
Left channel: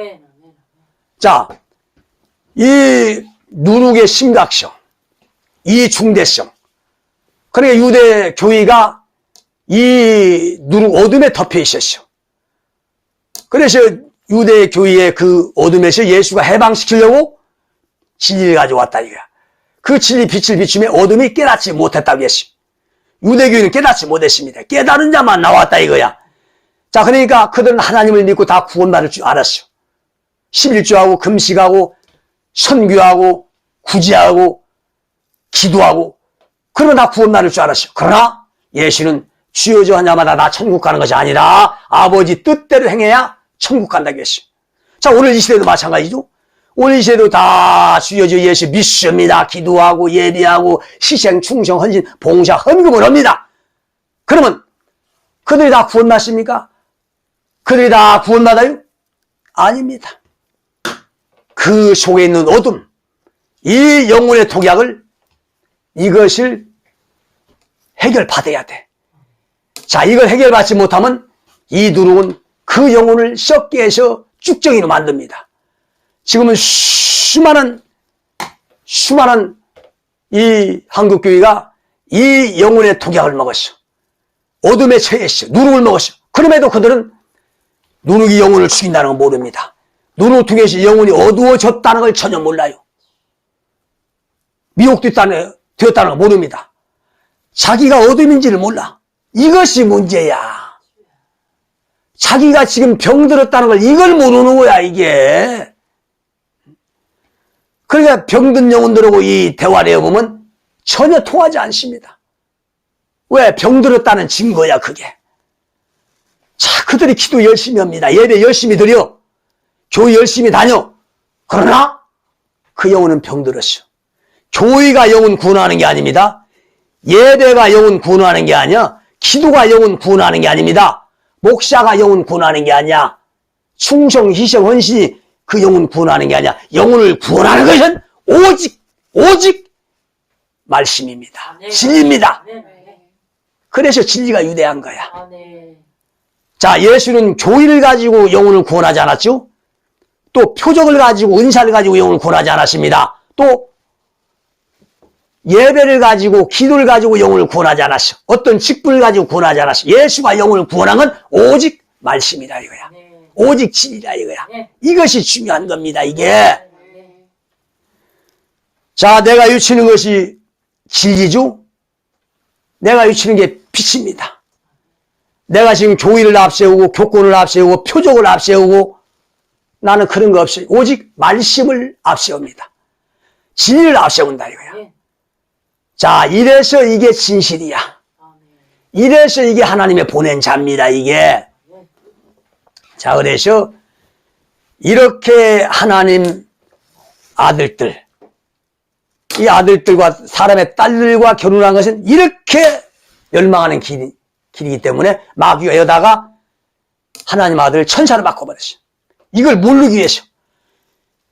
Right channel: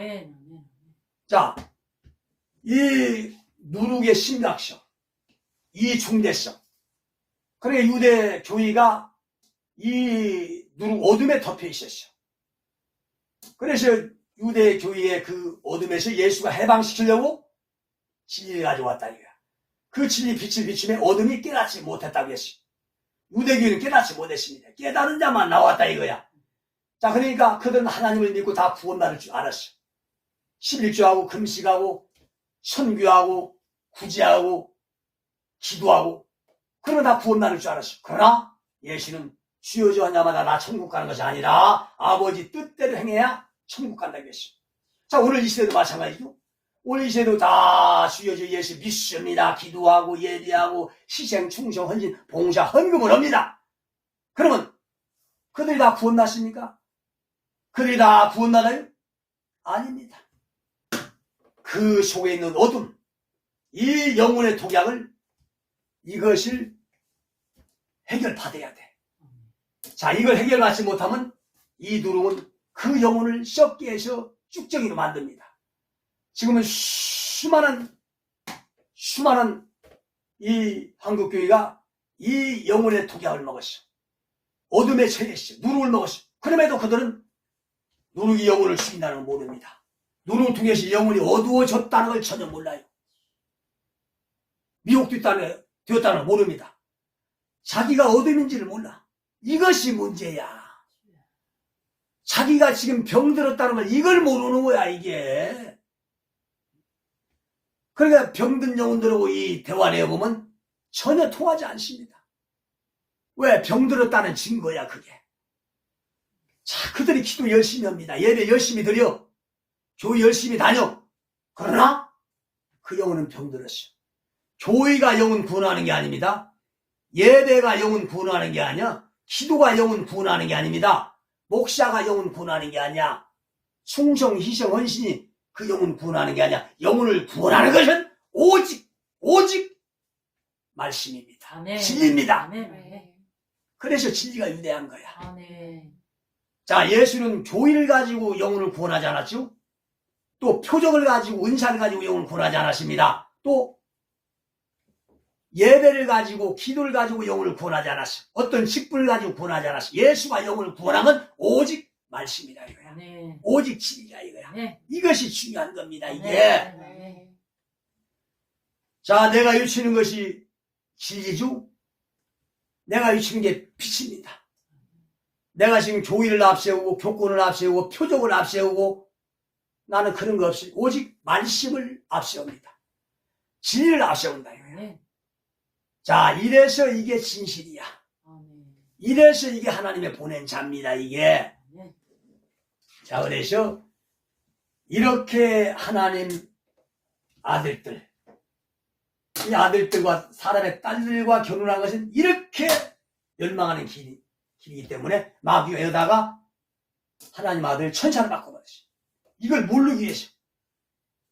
자, 이 누룩의 심각성, 이 중대성. 그러니까 유대 교회가 이 누룩 어둠에 덮여 있었어. 그래서 유대 교회의 그 어둠에서 예수가 해방시키려고 진리를 가져왔다 이거야. 그 진리 빛을 비추며 어둠이 깨닫지 못했다고 했어. 유대교회는 깨닫지 못했습니다. 깨달은 자만 나왔다 이거야. 자, 그러니까 그들은 하나님을 믿고 다 구원받을 줄 알았어. 11조하고 금식하고 선교하고 구제하고 기도하고 그러면 다 구원 받을 줄 알았어요. 그러나 예수는 주여 주 하냐마다 나 천국 가는 것이 아니라 아버지 뜻대로 행해야 천국 간다고 했어요. 자, 오늘 이 시대도 마찬가지죠. 오늘 이 시대도 다 주여 주 예수 믿습니다. 기도하고 예배하고 희생, 충성, 헌신, 봉사, 헌금을 합니다. 그러면 그들이 다 구원 받습니까? 그들이 다 구원 받아요? 아닙니다. 그 속에 있는 어둠, 이 영혼의 독약을 이것을 해결받아야 돼. 자, 이걸 해결받지 못하면 이 누룩은 그 영혼을 썩게 해서 쭉정이로 만듭니다. 지금은 수많은 이 한국교회가 이 영혼의 독약을 먹었어. 어둠에 처했어. 누룩을 먹었어. 그럼에도 그들은 누룩이 영혼을 죽인다는 걸 모릅니다. 누룩 통해서 영혼이 어두워졌다는 걸 전혀 몰라요. 미혹되었다는 걸 모릅니다. 자기가 어둠인지를 몰라. 이것이 문제야. 자기가 지금 병들었다는 걸 이걸 모르는 거야, 이게. 그러니까 병든 영혼들하고 이 대화를 해보면 전혀 통하지 않습니다. 왜? 병들었다는 증거야, 그게. 자, 그들이 기도 열심히 합니다. 예배 열심히 드려. 교회 열심히 다녀. 그러나 그 영혼은 병들었어. 교회가 영혼 구원하는 게 아닙니다. 예배가 영혼 구원하는 게 아니야. 기도가 영혼 구원하는 게 아닙니다. 목사가 영혼 구원하는 게 아니야. 충성, 희생, 헌신이 그 영혼 구원하는 게 아니야. 영혼을 구원하는 것은 오직 말씀입니다. 네. 진리입니다. 네. 그래서 진리가 유대한 거야. 네. 자, 예수는 교의를 가지고 영혼을 구원하지 않았죠? 또 표적을 가지고 은사를 가지고 영혼을 구원하지 않았습니다. 또 예배를 가지고 기도를 가지고 영혼을 구원하지 않았어. 어떤 직분을 가지고 구원하지 않았어. 예수가 영혼을 구원한 건 오직 말씀이다 이거야. 네. 오직 진리다 이거야. 네. 이것이 중요한 겁니다. 이게. 네. 자, 내가 유치는 것이 진리죠? 내가 유치는 게 빛입니다. 내가 지금 교의를 앞세우고 교권을 앞세우고 표적을 앞세우고 나는 그런 거 없어요. 오직 말씀을 앞세웁니다. 진리를 앞세운다 이거야. 네. 자, 이래서 이게 진실이야. 이래서 이게 하나님의 보낸 자입니다, 이게. 자, 그래서 이렇게 하나님 아들들, 이 아들들과 사람의 딸들과 결혼한 것은 이렇게 멸망하는 길이기 때문에 마귀가 여다가 하나님 아들 천사를 바꿔버렸어요. 이걸 모르기 위해서,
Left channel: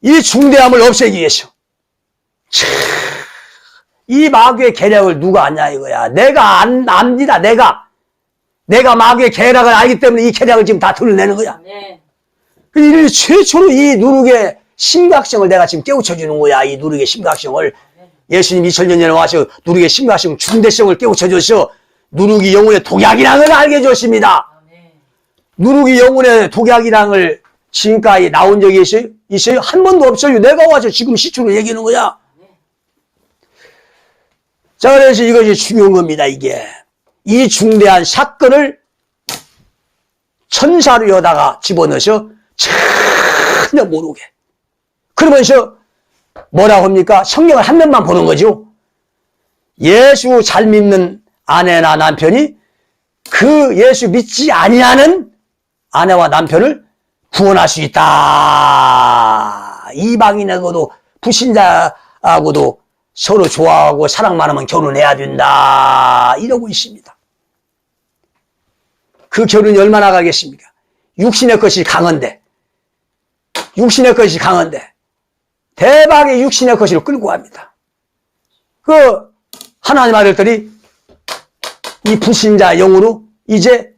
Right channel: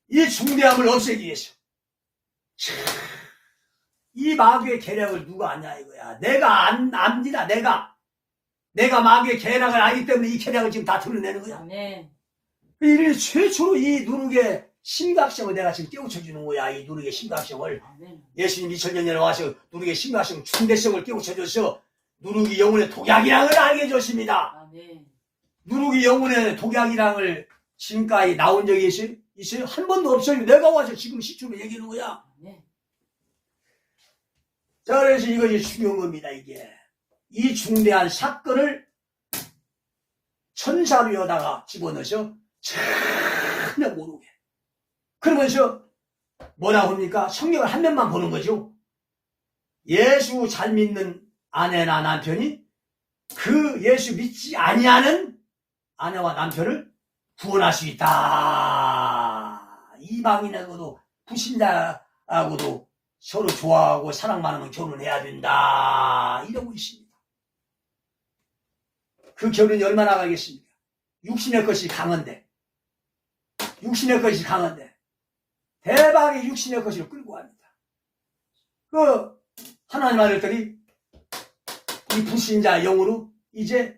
이 중대함을 없애기 위해서. 이 마귀의 계략을 누가 아냐 이거야. 내가 압니다. 내가 마귀의 계략을 알기 때문에 이 계략을 지금 다 드러내는 거야. 네. 그래서 최초로 이 누룩의 심각성을 내가 지금 깨우쳐주는 거야. 이 누룩의 심각성을. 예수님 2000년 전에 와서 누룩의 심각성, 중대성을 깨우쳐줘서 누룩이 영혼의 독약이라는 걸 알게 해줬습니다. 누룩이 영혼의 독약이라는 걸 지금까지 나온 적이 있어요? 한 번도 없어요. 내가 와서 지금 시초로 얘기하는 거야. 자, 그래서 이것이 중요한 겁니다, 이게. 이 중대한 사건을 천사로 여다가 집어넣어서 전혀 모르게. 그러면서 뭐라고 합니까? 성경을 한 면만 보는 거죠. 예수 잘 믿는 아내나 남편이 그 예수 믿지 아니하는 아내와 남편을 구원할 수 있다. 이방인하고도 불신자하고도 서로 좋아하고 사랑만 하면 결혼해야 된다. 이러고 있습니다. 그 결혼이 얼마나 가겠습니까? 육신의 것이 강한데 대박의 육신의 것으로 끌고 갑니다. 그 하나님 아들들이 이 불신자 영으로 이제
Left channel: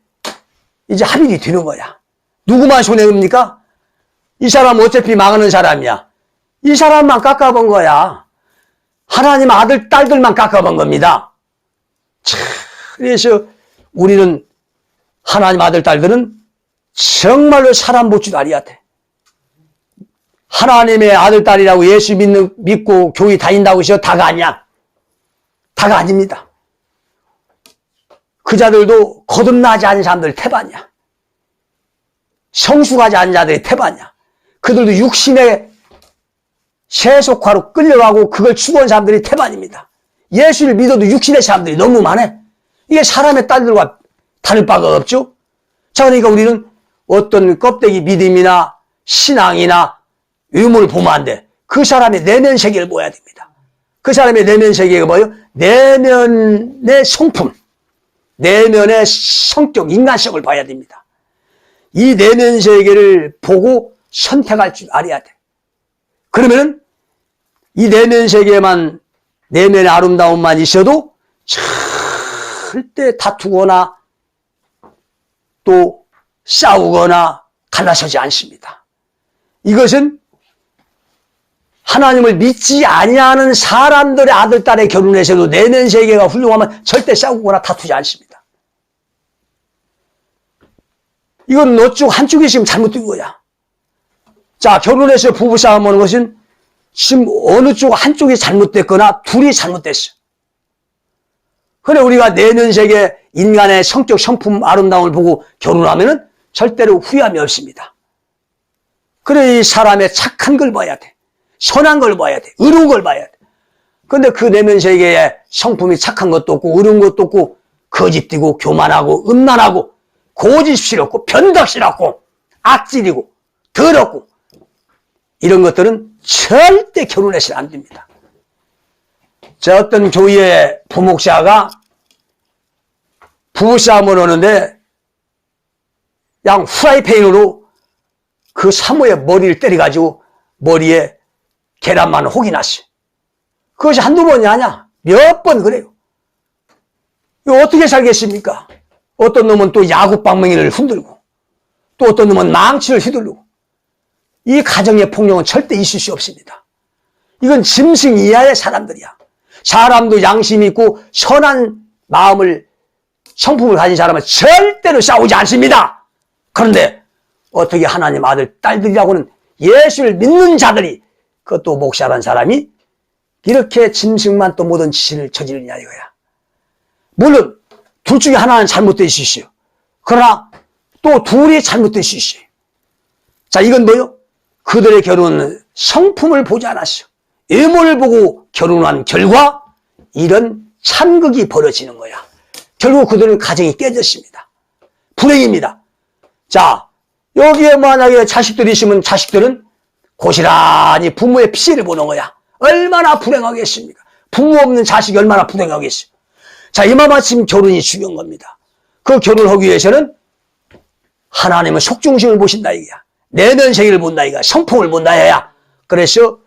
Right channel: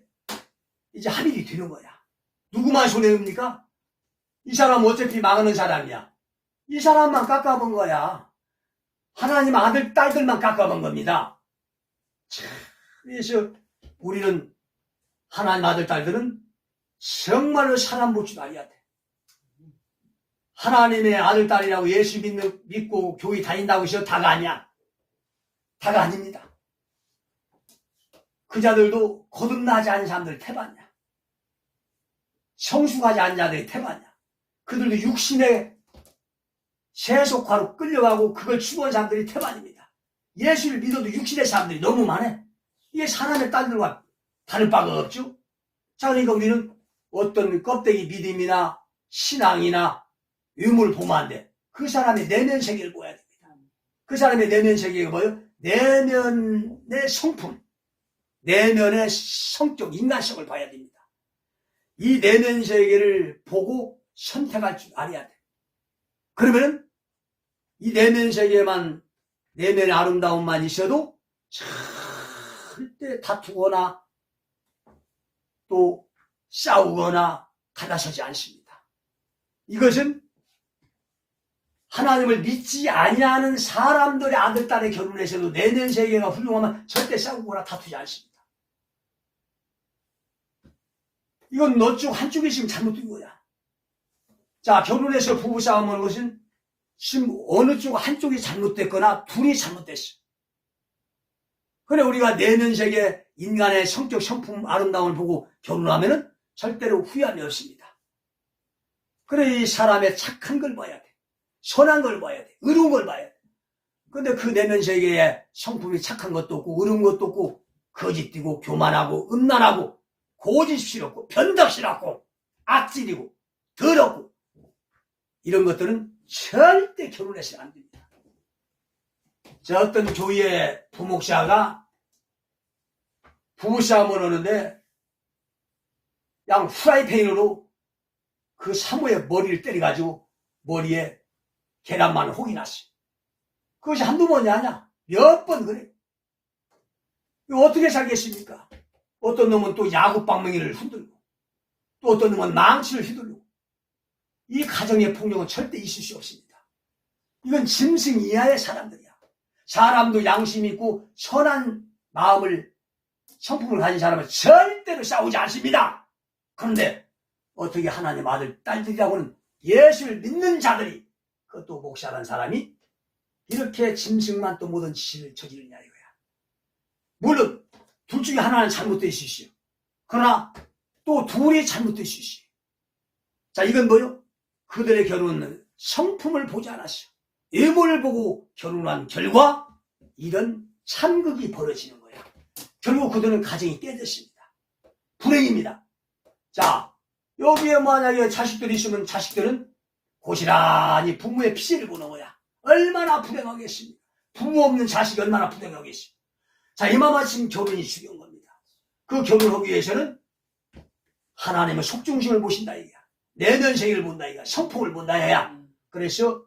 합의가 되는 거야. 누구만 손해입니까? 이 사람은 어차피 망하는 사람이야. 이 사람만 깎아본 거야. 하나님 아들, 딸들만 깎아본 겁니다. 그래서 우리는 하나님 아들, 딸들은 정말로 사람 볼 줄 알아야 돼. 하나님의 아들, 딸이라고 예수 믿고 교회 다닌다고 해서 다가 아니야. 다가 아닙니다. 그 자들도 거듭나지 않은 사람들 태반이야. 성숙하지 않은 자들이 태반이야. 그들도 육신의 세속화로 끌려가고 그걸 추구한 사람들이 태반입니다. 예수를 믿어도 육신의 사람들이 너무 많아. 이게 사람의 딸들과 다를 바가 없죠. 자, 그러니까 우리는 어떤 껍데기 믿음이나 신앙이나 의무를 보면 안 돼. 그 사람의 내면 세계를 보아야 됩니다. 그 사람의 내면 세계가 뭐예요? 내면의 성품, 내면의 성격, 인간성을 봐야 됩니다. 이 내면 세계를 보고 선택할 줄 알아야 돼. 그러면 이 내면 세계만, 내면의 아름다움만 있어도 절대 다투거나 또 싸우거나 갈라서지 않습니다. 이것은 하나님을 믿지 아니하는 사람들의 아들, 딸의 결혼에서도 내면 세계가 훌륭하면 절대 싸우거나 다투지 않습니다. 이건 너 쪽 한쪽이 지금 잘못된 거야. 자, 결혼해서 부부싸움 하는 것은 지금 어느 쪽 한쪽이 잘못됐거나 둘이 잘못됐어. 그래, 우리가 내면 세계, 인간의 성격, 성품, 아름다움을 보고 결혼하면은 절대로 후회함이 없습니다. 그래, 이 사람의 착한 걸 봐야 돼. 선한 걸 봐야 돼. 의로운 걸 봐야 돼. 근데 그 내면 세계에 성품이 착한 것도 없고, 의로운 것도 없고, 거짓되고, 교만하고, 음란하고, 고집스럽고, 변덕스럽고, 악질이고, 더럽고, 이런 것들은 절대 결혼해서는 안 됩니다. 저 어떤 교회의 부목사가 부부싸움을 하는데 그냥 후라이팬으로 그 사모의 머리를 때려가지고 머리에 계란만 혹이 났어요. 그것이 한두 번이 아니야. 몇 번 그래요. 이거 어떻게 살겠습니까? 어떤 놈은 또 야구방망이를 흔들고 또 어떤 놈은 망치를 휘두르고 이 가정의 폭력은 절대 있을 수 없습니다. 이건 짐승 이하의 사람들이야. 사람도 양심 있고 선한 마음을, 성품을 가진 사람은 절대로 싸우지 않습니다. 그런데 어떻게 하나님 아들, 딸들이라고는 예수를 믿는 자들이, 그것도 목사라는 사람이 이렇게 짐승만 또 모든 짓을 저지르냐 이거야. 물론 둘 중에 하나는 잘못될 수 있어요. 그러나 또 둘이 잘못될 수 있어요. 자, 이건 뭐요? 그들의 결혼은 성품을 보지 않았어. 외모를 보고 결혼한 결과 이런 참극이 벌어지는 거야. 결국 그들은 가정이 깨졌습니다. 불행입니다. 자, 여기에 만약에 자식들이 있으면 자식들은 고스란히 부모의 피해를 보는 거야. 얼마나 불행하겠습니까? 부모 없는 자식이 얼마나 불행하겠어요. 자, 이마마침 결혼이 중요한 겁니다. 그 결혼을 하기 위해서는 하나님은 속중심을 보신다 이거야. 내면 세계를 본다 이거야. 성품을 본다 이거야. 그래서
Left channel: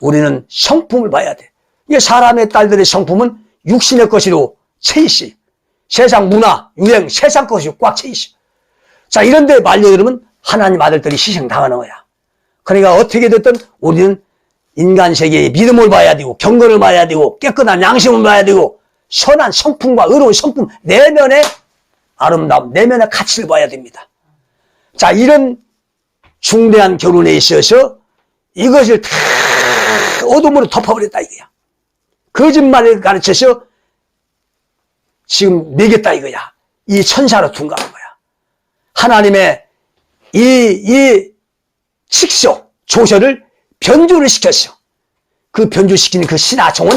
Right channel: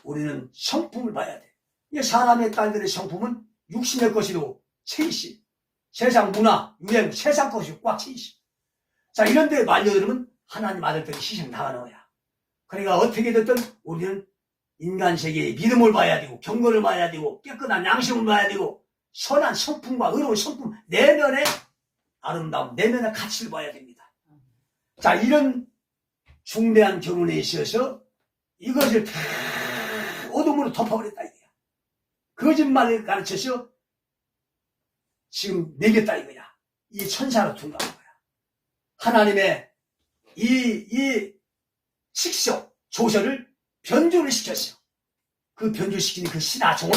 우리는 성품을 봐야 돼. 이게 사람의 딸들의 성품은 육신의 것으로 채 있어. 세상 문화, 유행, 세상 것이 꽉 채 있어. 자, 이런데 말려들으면 하나님 아들들이 희생당하는 거야. 그러니까 어떻게 됐든 우리는 인간 세계의 믿음을 봐야 되고, 경건을 봐야 되고, 깨끗한 양심을 봐야 되고, 선한 성품과 의로운 성품, 내면의 아름다움, 내면의 가치를 봐야 됩니다. 자, 이런 중대한 결혼에 있어서 이것을 다 어둠으로 덮어버렸다 이거야. 거짓말을 가르쳐서 지금 매겼다 이거야. 이 천사로 둔갑한 거야. 하나님의 이 칙서, 조서를 변조를 시켰어. 그 변조시키는 그 신하총은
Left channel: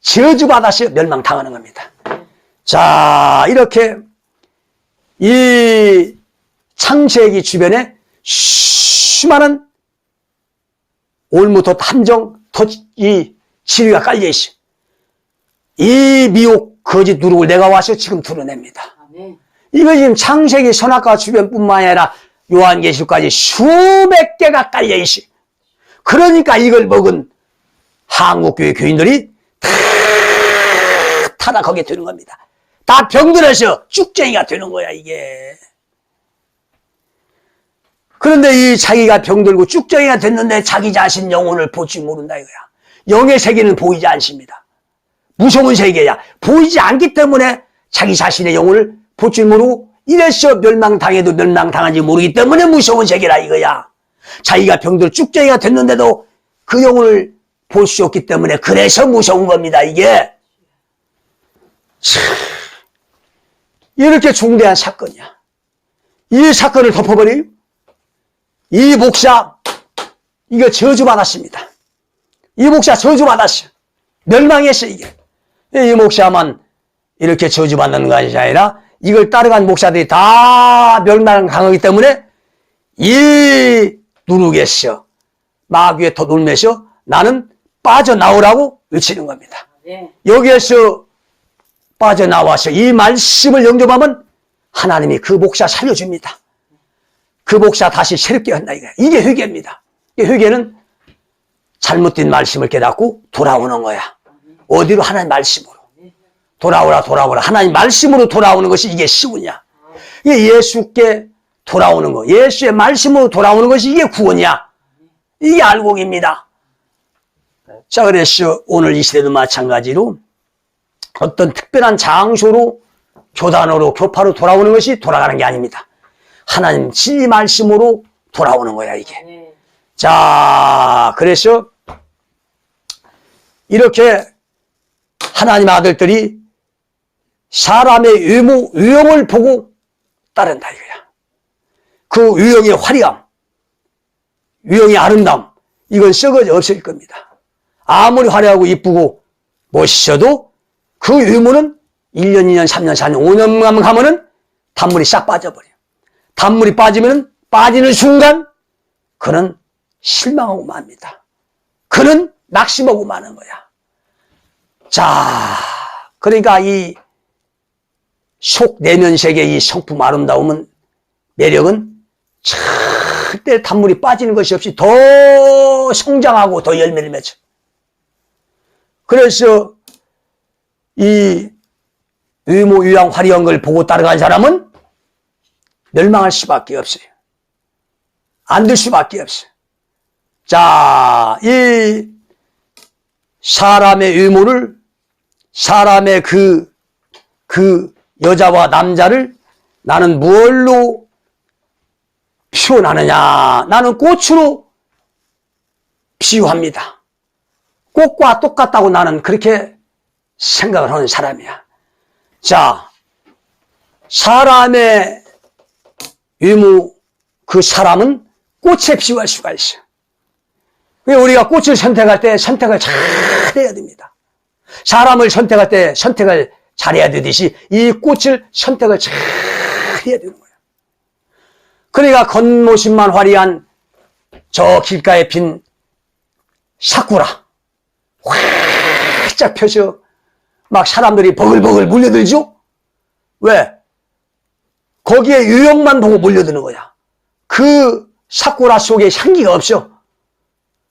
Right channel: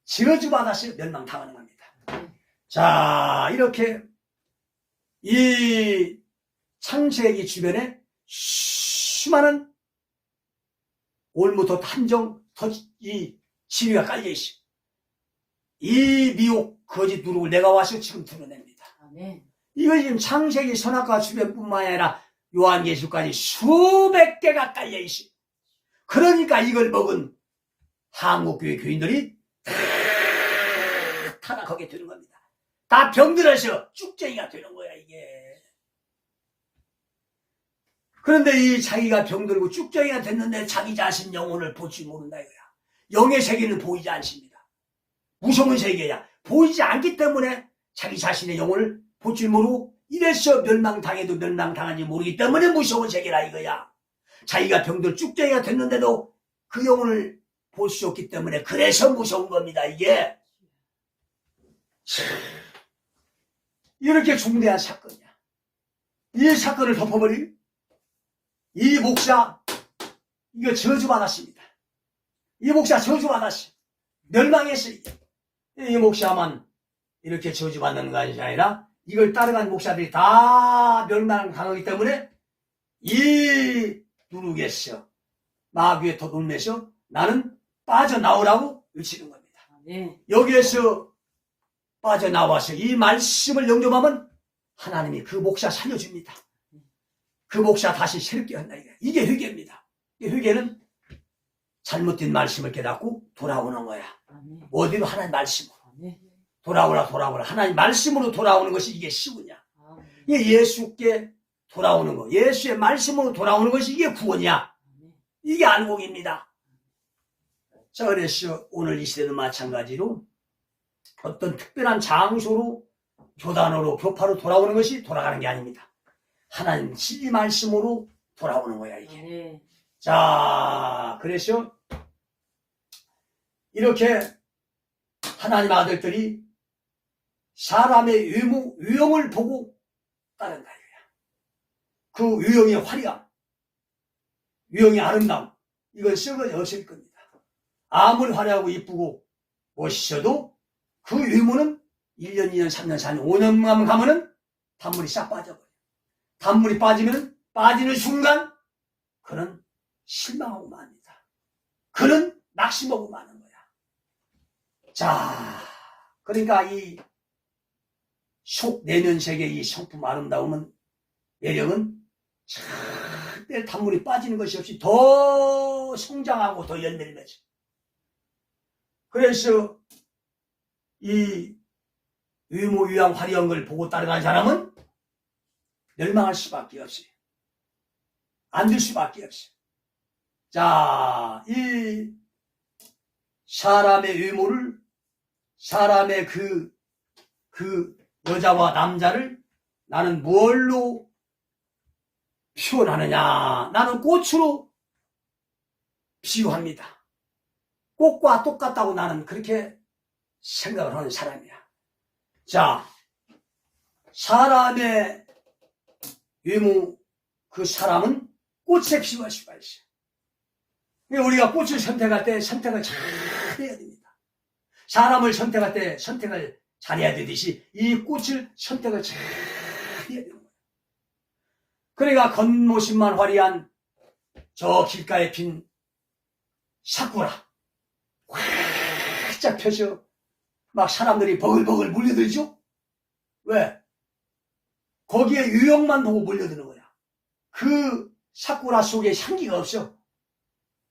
저주받아서 멸망당하는 겁니다. 자, 이렇게 이 창세기 주변에 수많은 올무토 탐정, 이 지위가 깔려있어. 이 미혹, 거짓 누룩을 내가 와서 지금 드러냅니다. 이거 지금 창세기 선악과 주변뿐만 아니라 요한계시록까지 수백 개가 깔려있어. 그러니까 이걸 먹은 한국교회 교인들이 다 타락하게 되는 겁니다. 다 병들어서 쭉쟁이가 되는 거야 이게. 그런데 이 자기가 병들고 쭉쟁이가 됐는데 자기 자신 영혼을 보지 모른다 이거야. 영의 세계는 보이지 않습니다. 무서운 세계야. 보이지 않기 때문에 자기 자신의 영혼을 볼 줄 모르고 이래서 멸망당해도 멸망당한지 모르기 때문에 무서운 세계라 이거야. 자기가 병들 쭉쟁이가 됐는데도 그 영혼을 볼 수 없기 때문에 그래서 무서운 겁니다 이게. 이렇게 중대한 사건이야. 이 사건을 덮어버린 이 목사 이거 저주받았습니다. 이 목사 저주받았어. 멸망했어, 이게. 이 목사만 이렇게 저주받는 것이 아니라 이걸 따라간 목사들이 다 멸망당하기 때문에 이 누르겠어. 마귀에 더 놀면서 나는 빠져나오라고 외치는 겁니다. 네. 여기에서 빠져나와서 이 말씀을 영접하면 하나님이 그 목사 살려줍니다. 그 목사 다시 새롭게 한다 이거야. 이게 회개입니다. 이 회개는 잘못된 말씀을 깨닫고 돌아오는 거야. 어디로? 하나님 말씀으로. 돌아오라 돌아오라. 하나님 말씀으로 돌아오는 것이 이게 쉬우냐. 이게 예수께 돌아오는 거. 예수의 말씀으로 돌아오는 것이 이게 구원이야. 이게 알곡입니다. 자, 그래서 오늘 이 시대도 마찬가지로 어떤 특별한 장소로 교단으로 교파로 돌아오는 것이 돌아가는 게 아닙니다. 하나님 진리 말씀으로 돌아오는 거야 이게. 네. 자, 그래서 이렇게 하나님 아들들이 사람의 유형을 보고 따른다 이거야. 그 유형의 화려함, 유형의 아름다움, 이건 썩어져 없을 겁니다. 아무리 화려하고 이쁘고 멋있어도 그 유무는 1년, 2년, 3년, 4년, 5년만 가면은 단물이 싹 빠져버려요. 단물이 빠지면 빠지는 순간 그는 실망하고 맙니다. 그는 낙심하고 마는 거야. 자, 그러니까 이 속 내면색의 이 성품 아름다움은 매력은 절대 단물이 빠지는 것이 없이 더 성장하고 더 열매를 맺어. 그래서 이 유모 유양 화려한 걸 보고 따라간 사람은 멸망할 수밖에 없어요. 안 될 수밖에 없어요. 자, 이 사람의 유모를, 사람의 그 여자와 남자를 나는 무엇로 표현하느냐? 나는 꽃으로 비유합니다. 꽃과 똑같다고 나는 그렇게 생각을 하는 사람이야. 자, 사람의 유무, 그 사람은 꽃에 비유할 수가 있어. 우리가 꽃을 선택할 때 선택을 잘 해야 됩니다. 사람을 선택할 때 선택을 잘해야 되듯이 이 꽃을 선택을 잘 해야 되는 거예요. 그러니까 겉모습만 화려한 저 길가에 핀 사쿠라 활짝 펴서 막 사람들이 버글버글 몰려들죠? 왜? 거기에 유형만 보고 몰려드는 거야. 그 사쿠라 속에 향기가 없어.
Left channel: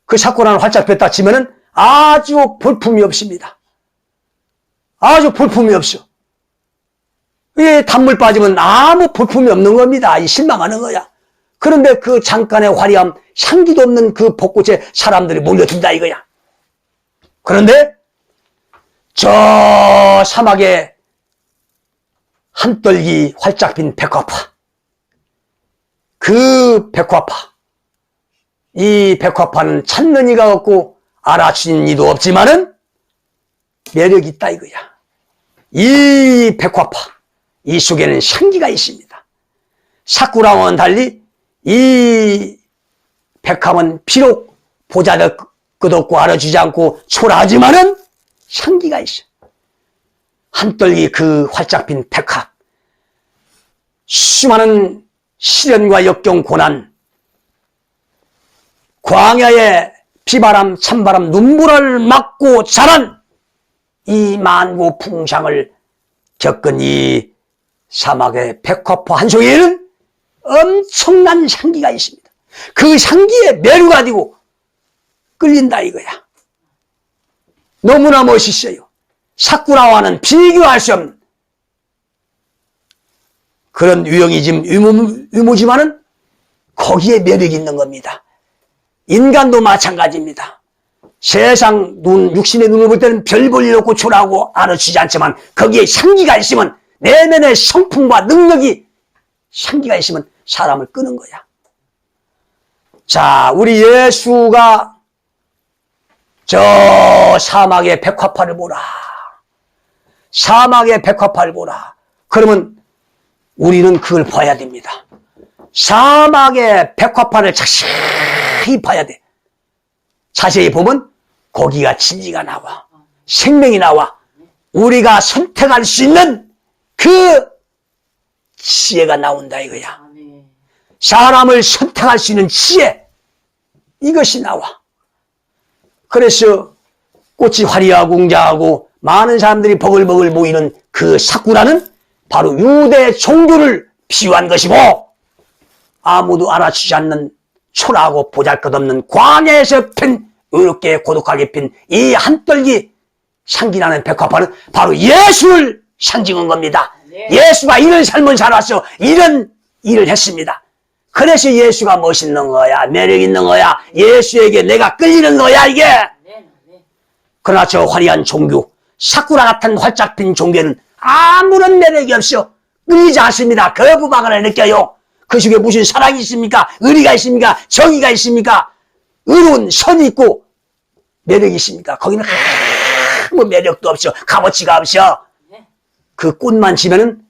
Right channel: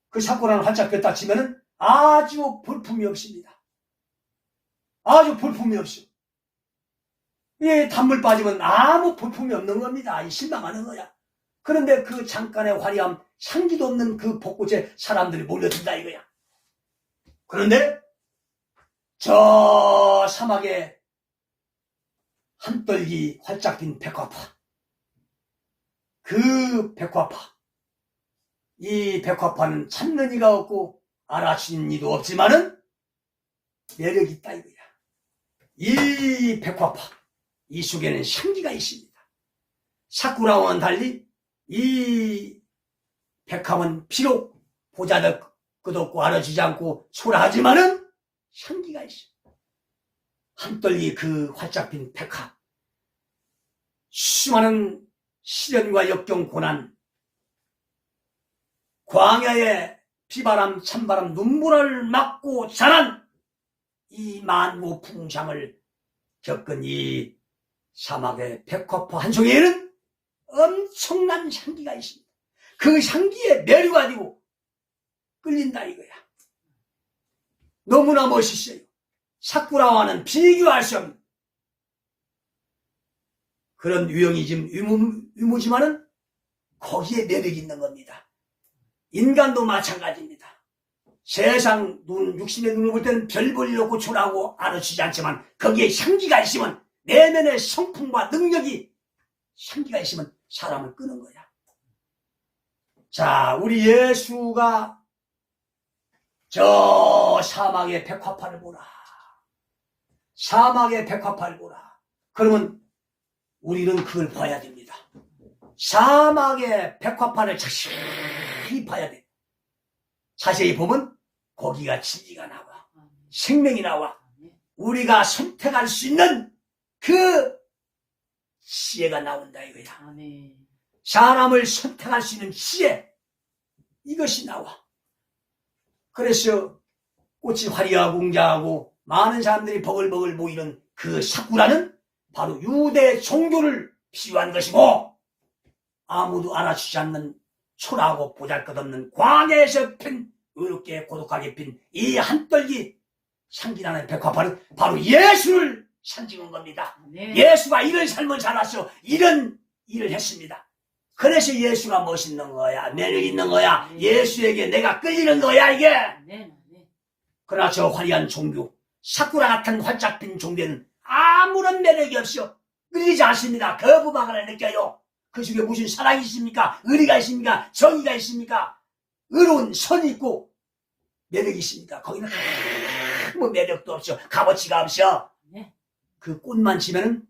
그 사쿠라는 활짝 폈다 치면은 아주 볼품이 없습니다. 아주 볼품이 없어. 이 단물 빠지면 아무 볼품이 없는 겁니다. 이 실망하는 거야. 그런데 그 잠깐의 화려함, 향기도 없는 그 벚꽃에 사람들이 몰려든다 이거야. 그런데 저 사막에 한떨기 활짝 핀 백화파, 그 백화파, 이 백화파는 찾는 이가 없고 알아주는 이도 없지만은 매력이 있다 이거야. 이 백화파, 이 속에는 향기가 있습니다. 사쿠라와는 달리 이 백화는 비록 보잘것없고 알아주지 않고 초라하지만은 향기가 있어. 한떨기 그 활짝 핀 백화, 수많은 시련과 역경 고난, 광야의 비바람 찬바람 눈보라를 맞고 자란 이 만고 풍상을 겪은 이 사막의 백화포 한 송이에는 엄청난 향기가 있습니다. 그 향기에 매료가 되고 끌린다 이거야. 너무나 멋있어요. 사쿠라와는 비교할 수 없는 그런 유무지만은 거기에 매력이 있는 겁니다. 인간도 마찬가지입니다. 세상 눈, 육신의 눈을 볼 때는 별 볼 일 없고 초라하고 알아주지 않지만 거기에 향기가 있으면 내면의 성품과 능력이 향기가 있으면 사람을 끄는 거야. 자, 우리 예수가 저 사막의 백화파를 보라. 사막의 백화파를 보라. 그러면 우리는 그걸 봐야 됩니다. 사막의 백화파를 자세히 봐야 돼. 자세히 보면 거기가 진리가 나와. 생명이 나와. 우리가 선택할 수 있는 그 지혜가 나온다 이거야. 사람을 선택할 수 있는 지혜, 이것이 나와. 그래서 꽃이 화려하고 웅장하고 많은 사람들이 버글버글 모이는 그 사쿠라는 바로 유대 종교를 비유한 것이고, 아무도 알아주지 않는 초라하고 보잘것없는 광야에서 핀, 의롭게 고독하게 핀 이 한떨기 향기나는 백화파는 바로 예수를 상징한 겁니다. 네. 예수가 이런 삶을 살았어. 이런 일을 했습니다. 그래서 예수가 멋있는 거야. 매력 있는 거야. 예수에게 내가 끌리는 거야 이게. 그러나 저 화려한 종교, 사쿠라 같은 활짝 핀 종교는 아무런 매력이 없어. 끌리지 않습니다. 거부감을 느껴요. 그 속에 무슨 사랑이 있습니까? 의리가 있습니까? 정의가 있습니까? 의로운 선이 있고 매력이 있습니까? 거기는 아무 매력도 없어. 값어치가 없어. 그 꽃만 지면은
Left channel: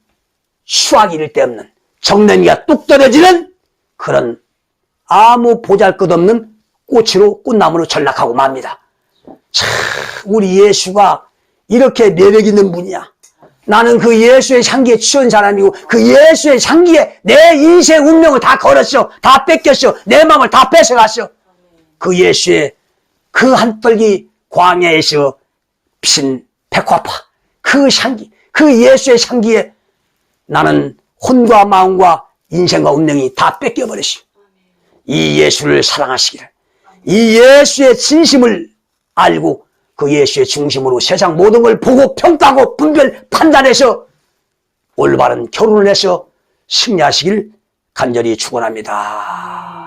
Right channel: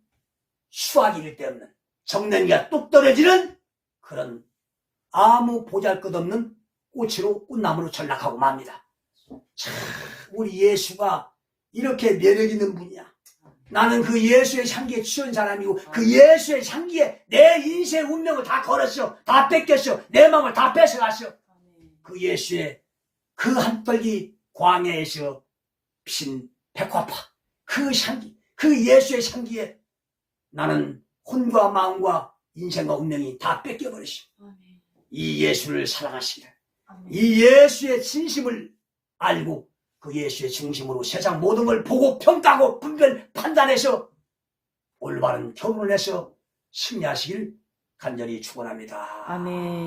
수확이 이를 데 없는, 정냄이가 뚝 떨어지는 그런 아무 보잘것없는 꽃으로, 꽃나무로 전락하고 맙니다. 참, 우리 예수가 이렇게 매력 있는 분이야. 나는 그 예수의 향기에 취한 사람이고, 그 예수의 향기에 내 인생 운명을 다 걸었어. 다 뺏겼어. 내 마음을 다 뺏어갔어. 그 예수의 그 한떨기 광야에서 핀 백화파, 그 향기, 그 예수의 향기에 나는 혼과 마음과 인생과 운명이 다 뺏겨버렸어. 이 예수를 사랑하시기를, 이 예수의 진심을 알고 그 예수의 중심으로 세상 모든 걸 보고 평가하고 분별 판단해서 올바른 결혼을 해서 승리하시길 간절히 축원합니다.